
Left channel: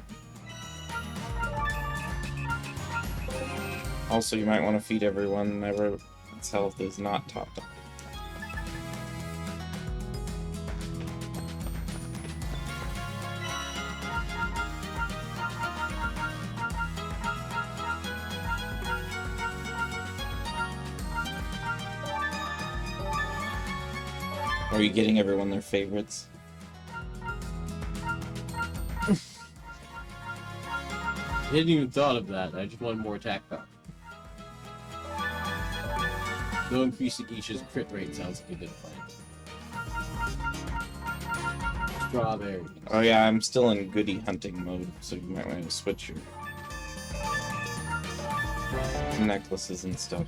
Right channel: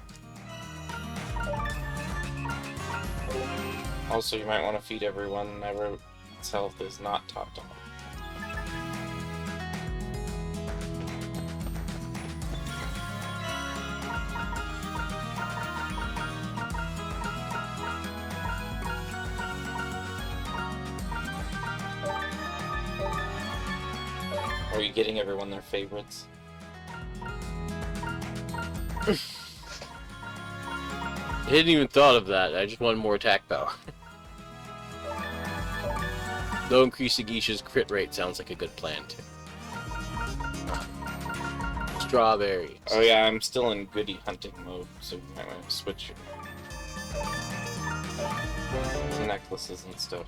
Also, you might want to feed everyone. Everyone's health is not topped up. Are you getting everyone their favorites? I hadn't even thought of that. I just wanted more attack power. Though increasing Geisha's crit rate sounds like a good plan too. Strawberries. Oh yeah, I'm still in goodie hunting mode, so you might want to switch your necklaces and stuff.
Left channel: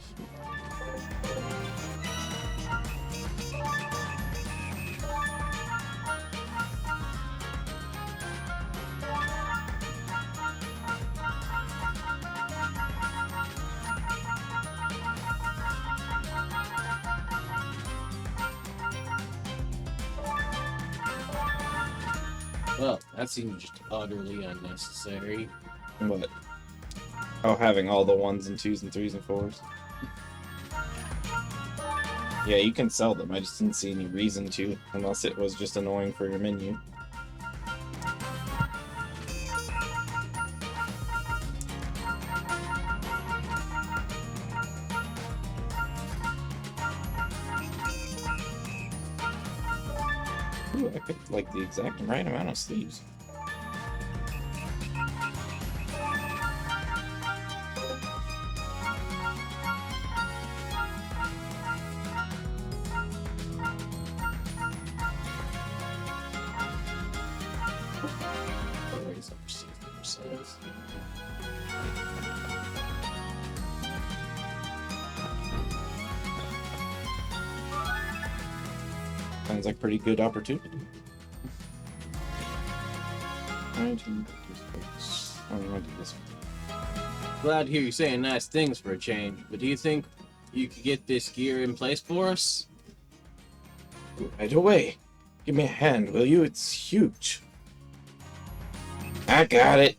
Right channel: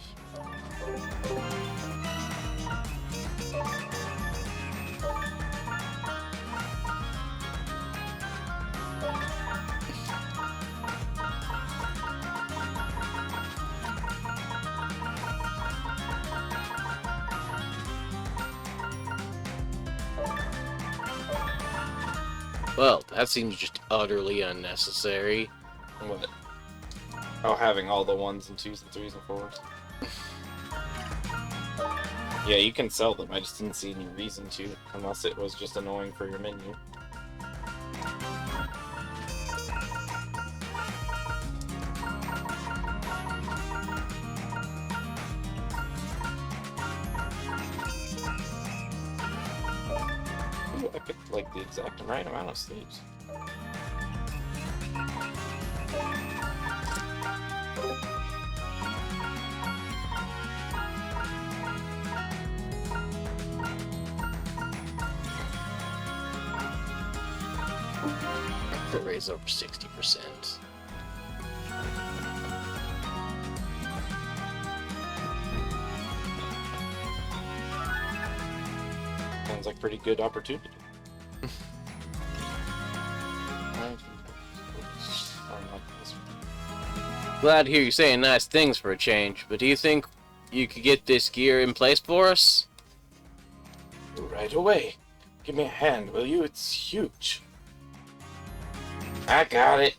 Well, that seems just utterly unnecessary. What? Oh, having all the 1s and 2s and 3s and 4s. Yeah, you can sell them. I just didn't see any reason to, unless it was just annoying for your menu. Ooh, I picked like the exact right amount of sleeves. Or raise over 60%. Sounds like pretty good opportunity. Glad to hear you saying nice things for a change, but do you think you could get this gear in place for us? Right away. Give me a hand, will you? It's huge. I got it.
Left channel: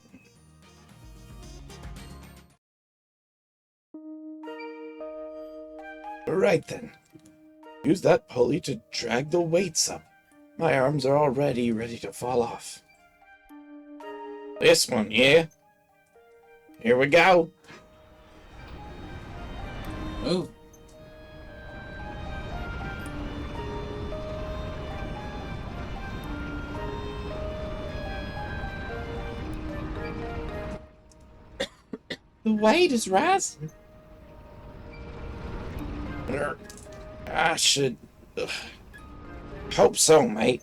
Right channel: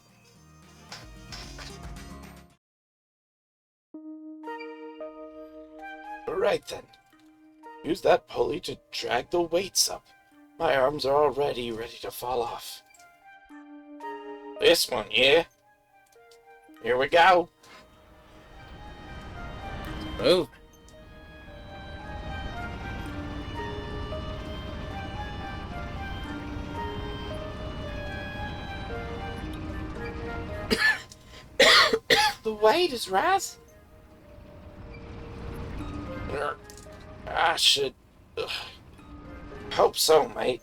Right then. Use that pulley to drag the weights up. My arms are already ready to fall off. This one, yeah? Here we go. Move. The weight is rising. I should hope so, mate.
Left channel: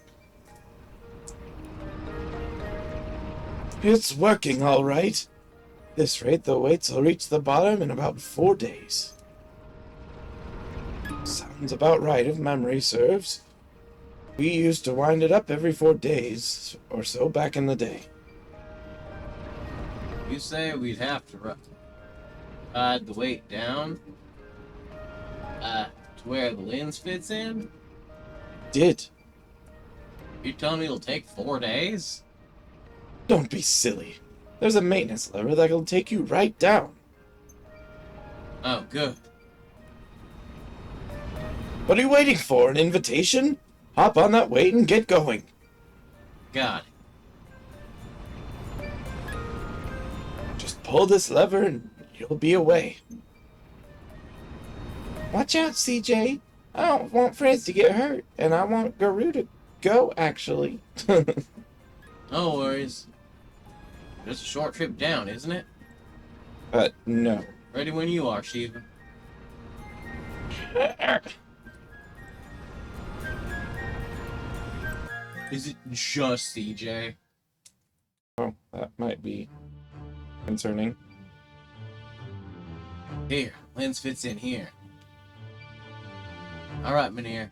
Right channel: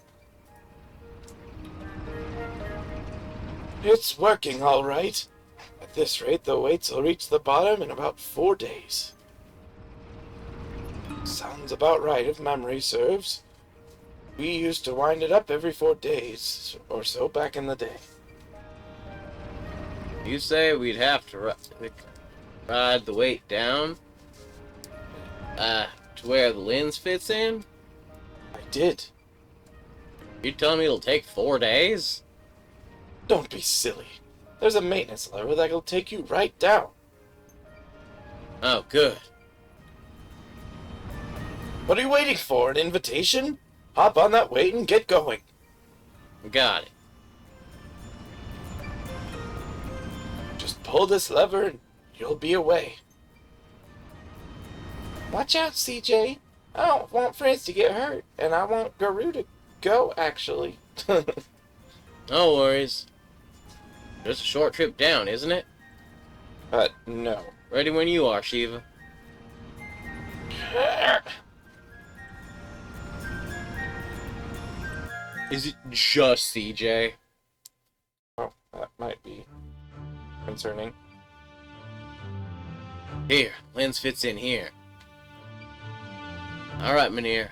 It's working all right. At this rate, the weights will reach the bottom in about 4 days. Sounds about right if memory serves. We used to wind it up every 4 days or so back in the day. You say we'd have to ride the weight down? To where the lens fits in? I did. You telling me it'll take 4 days? Don't be silly. There's a maintenance lever that'll take you right down. Oh, good. What are you waiting for? An invitation? Hop on that weight and get going. We got it. Just pull this lever and you'll be away. Watch out, CJ. I don't want Frizz to get hurt, and I want Guru to go, actually. No worries. Just a short trip down, isn't it? No. Ready when you are, Shiva. Is it just CJ? Oh, that might be concerning. Here, lens fits in here. Alright, Mynheer.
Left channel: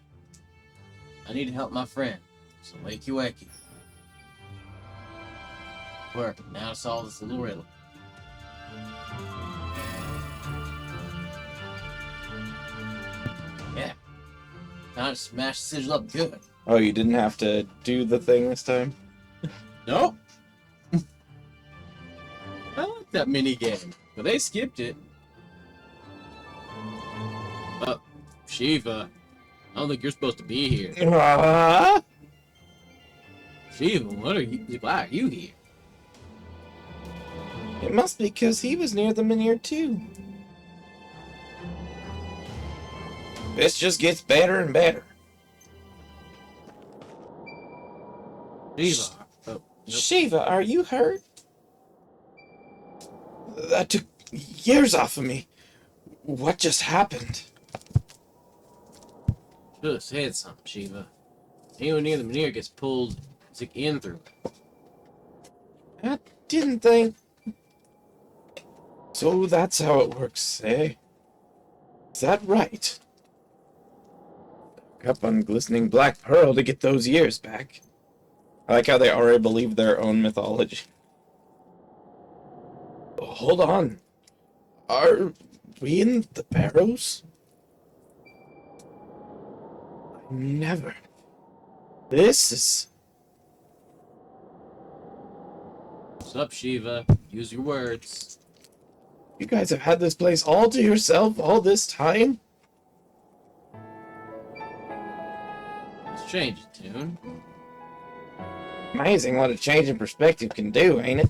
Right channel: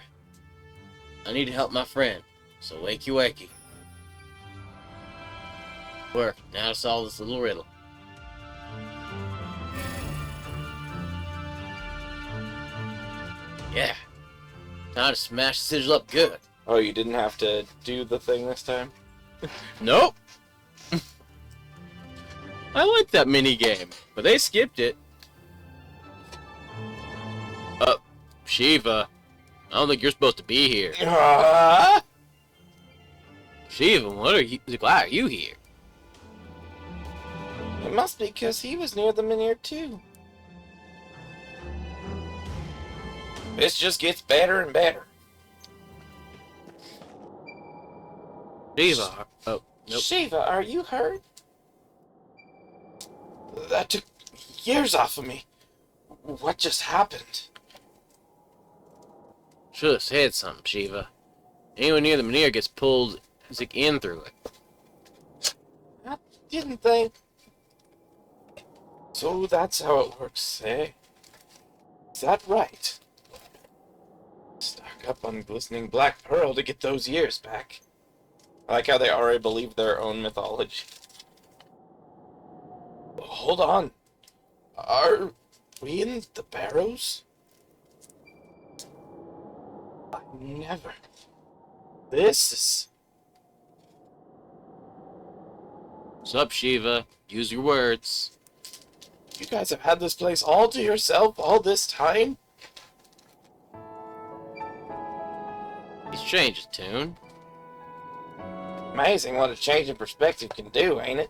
I need to help my friend, so wakey wakey. Work, now to solve this little riddle. Yeah. Now to smash the sigil up good. Oh, you didn't have to do the thing this time? Nope. I like that mini game, but they skipped it. Shiva, I don't think you're supposed to be here. Shiva, why are you here? It must be because he was near the Mynheer too. This just gets better and better. Shiva, oh, nope. Shiva, are you hurt? That took years off of me. What just happened? Should have said something, Shiva. Anyone near the Mynheer gets pulled in through it. I didn't think. So that's how it works, eh? Is that right? Stock up on glistening black pearl to get those years back. I like how they already believe their own mythology. Hold on. Are we in the Barrows? Never. This is... What's up, Shiva? Use your words. You guys have had this place all to yourself all this time? He's changed his tune. Amazing what a change in perspective can do, ain't it?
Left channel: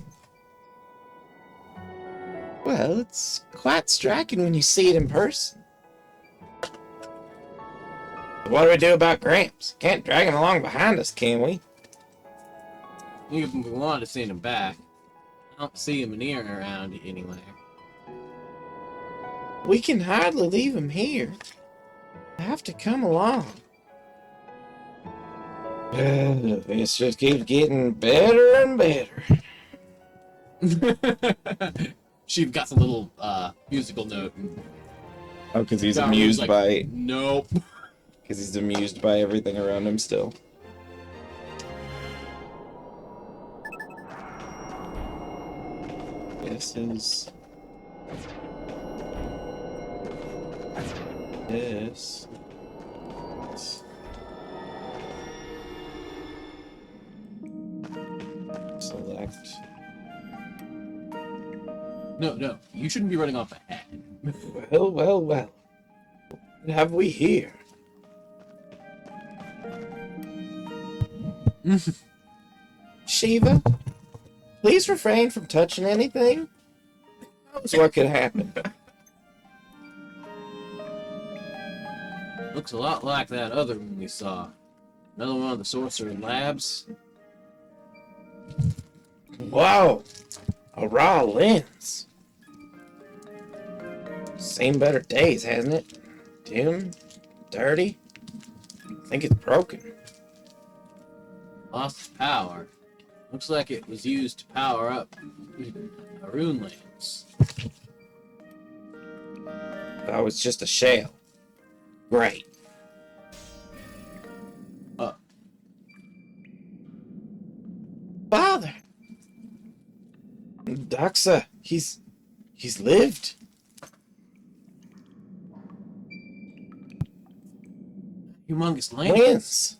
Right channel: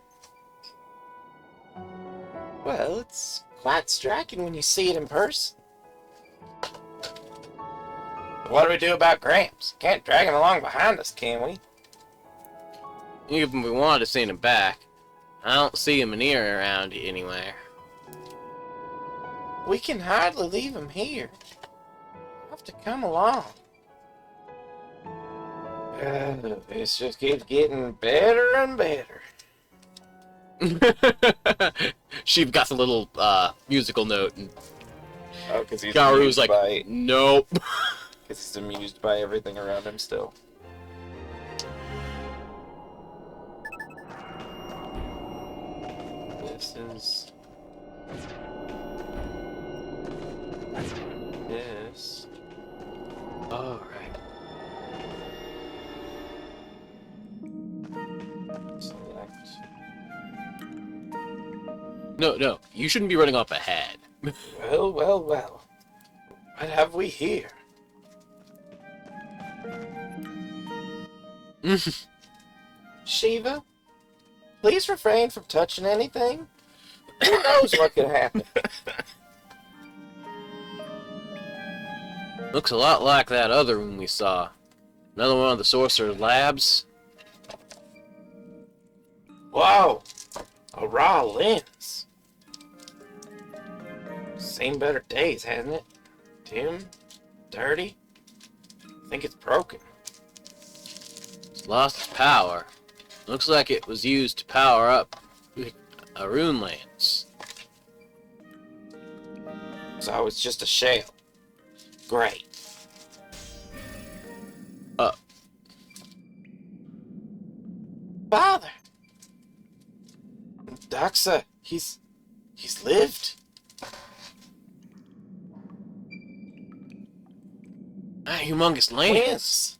Well, it's quite striking when you see it in person. What do we do about Gramps? Can't drag him along behind us, can we? Even if we wanted to send him back, I don't see him near around anywhere. We can hardly leave him here. You have to come along. This just keeps getting better and better. Shiva got the little musical note, and Oh, because he's Garu's amused like, by... nope. Because he's amused by everything around him still. This is... This... Alright. Select... No, you shouldn't be running off ahead. Well, well, well. What have we here? Shiva, please refrain from touching anything. Who knows what could happen? Looks a lot like that other room we saw. Another one of the Sorcerer's labs. Whoa! A raw lens. Seen better days, hasn't it? Dim, dirty. I think it's broken. It's lost its power. Looks like it was used to power up a rune lance. So it's just a shell. Great. Father! Doxa, he's lived. That humongous lance. Lens.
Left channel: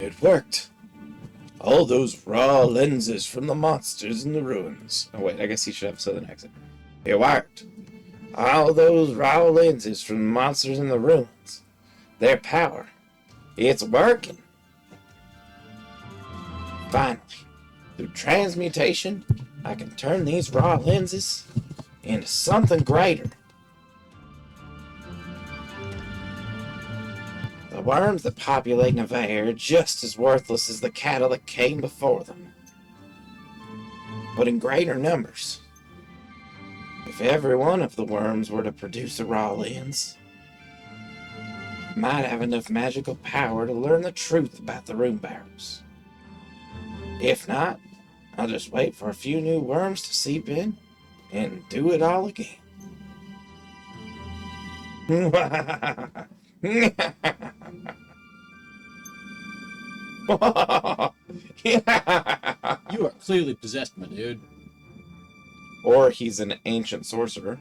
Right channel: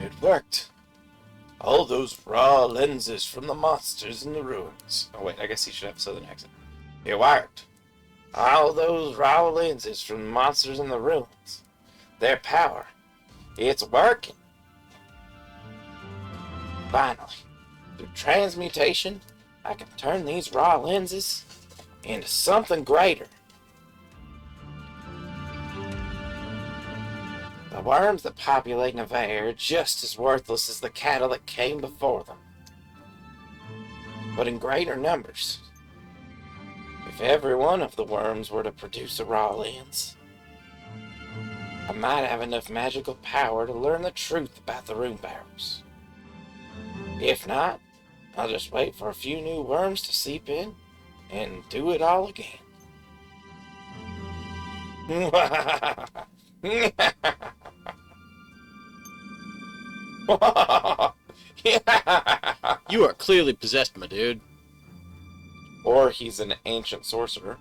It worked. All those raw lenses from the monsters in the ruins. Oh wait, I guess he should have a southern accent. It worked. All those raw lenses from the monsters in the ruins. Their power. It's working. Finally, through transmutation, I can turn these raw lenses into something greater. The worms that populate Nevaeh are just as worthless as the cattle that came before them, but in greater numbers. If every one of the worms were to produce a raw lens, I might have enough magical power to learn the truth about the rune barrels. If not, I'll just wait for a few new worms to seep in and do it all again. You are clearly possessed, my dude. Or he's an ancient sorcerer.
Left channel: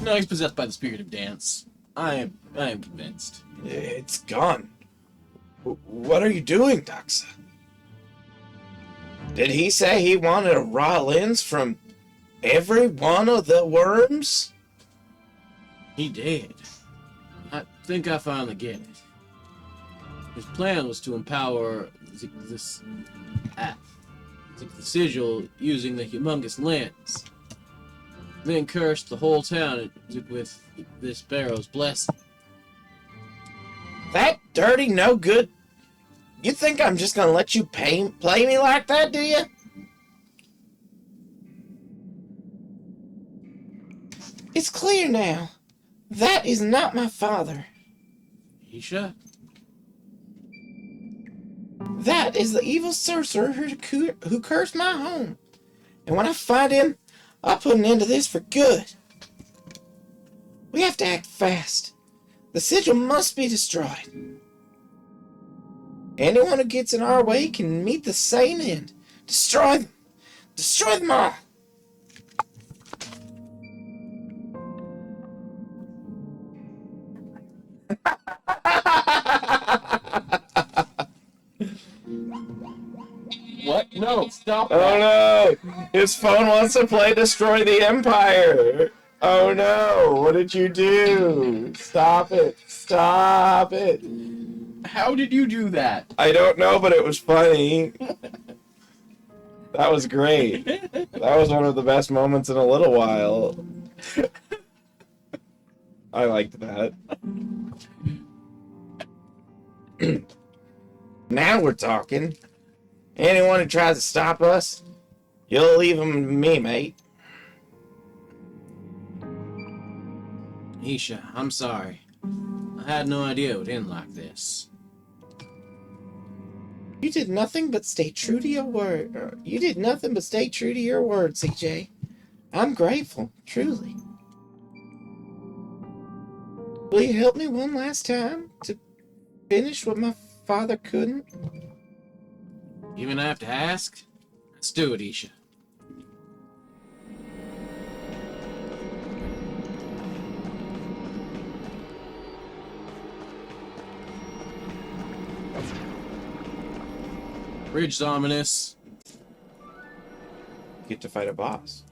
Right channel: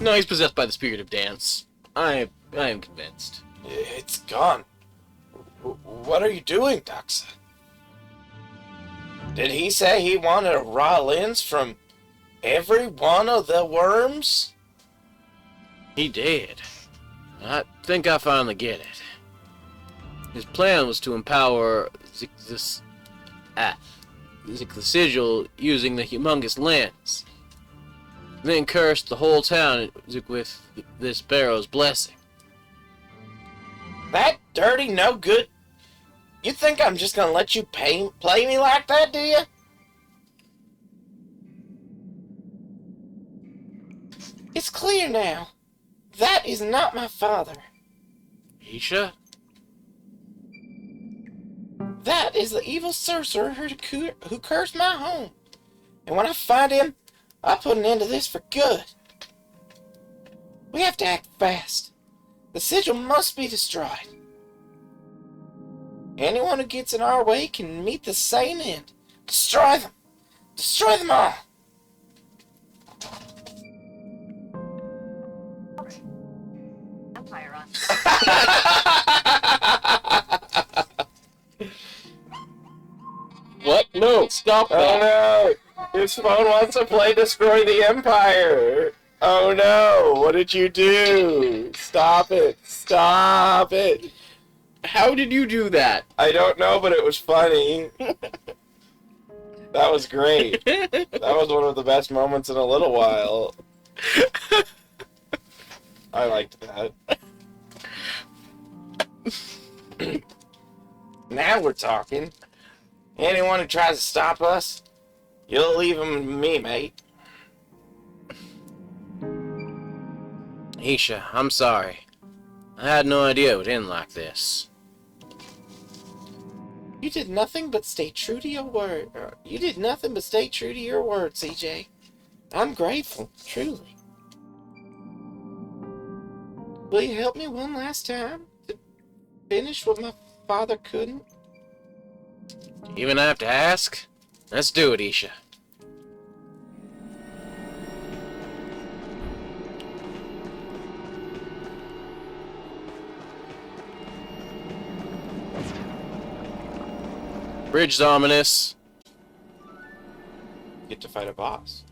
No, he's possessed by the spirit of dance. I am convinced. It's gone. What are you doing, Doxa? Did he say he wanted a raw lens from every one of the worms? He did. I think I finally get it. His plan was to empower the sigil using the humongous lens. Then cursed the whole town with this barrow's blessing. That dirty, no good. You think I'm just gonna let you play me like that, do you? It's clear now. That is not my father. Isha? That is the evil sorcerer who cursed my home. And when I find him, I'll put an end to this for good. We have to act fast. The sigil must be destroyed. Anyone who gets in our way can meet the same end. Destroy them. Destroy them all. Empire on. No, stop Oh that. no! His phone wants to play Destroy the Empire! Oh no! What did you do? Stop it! Stop it! How did you do that? I don't know, but it was funny. That was great. That was one of the best moments in a little while. I liked that. Now we're talking. Anyone who tries to stop us, you'll leave him to me, mate. Isha, I'm sorry. I had no idea it would end like this. You did nothing but stay true to your word. You did nothing but stay true to your word, CJ. I'm grateful, truly. Will you help me one last time to finish what my father couldn't? You even have to ask? Let's do it, Isha. Bridge's ominous. Get to fight a boss.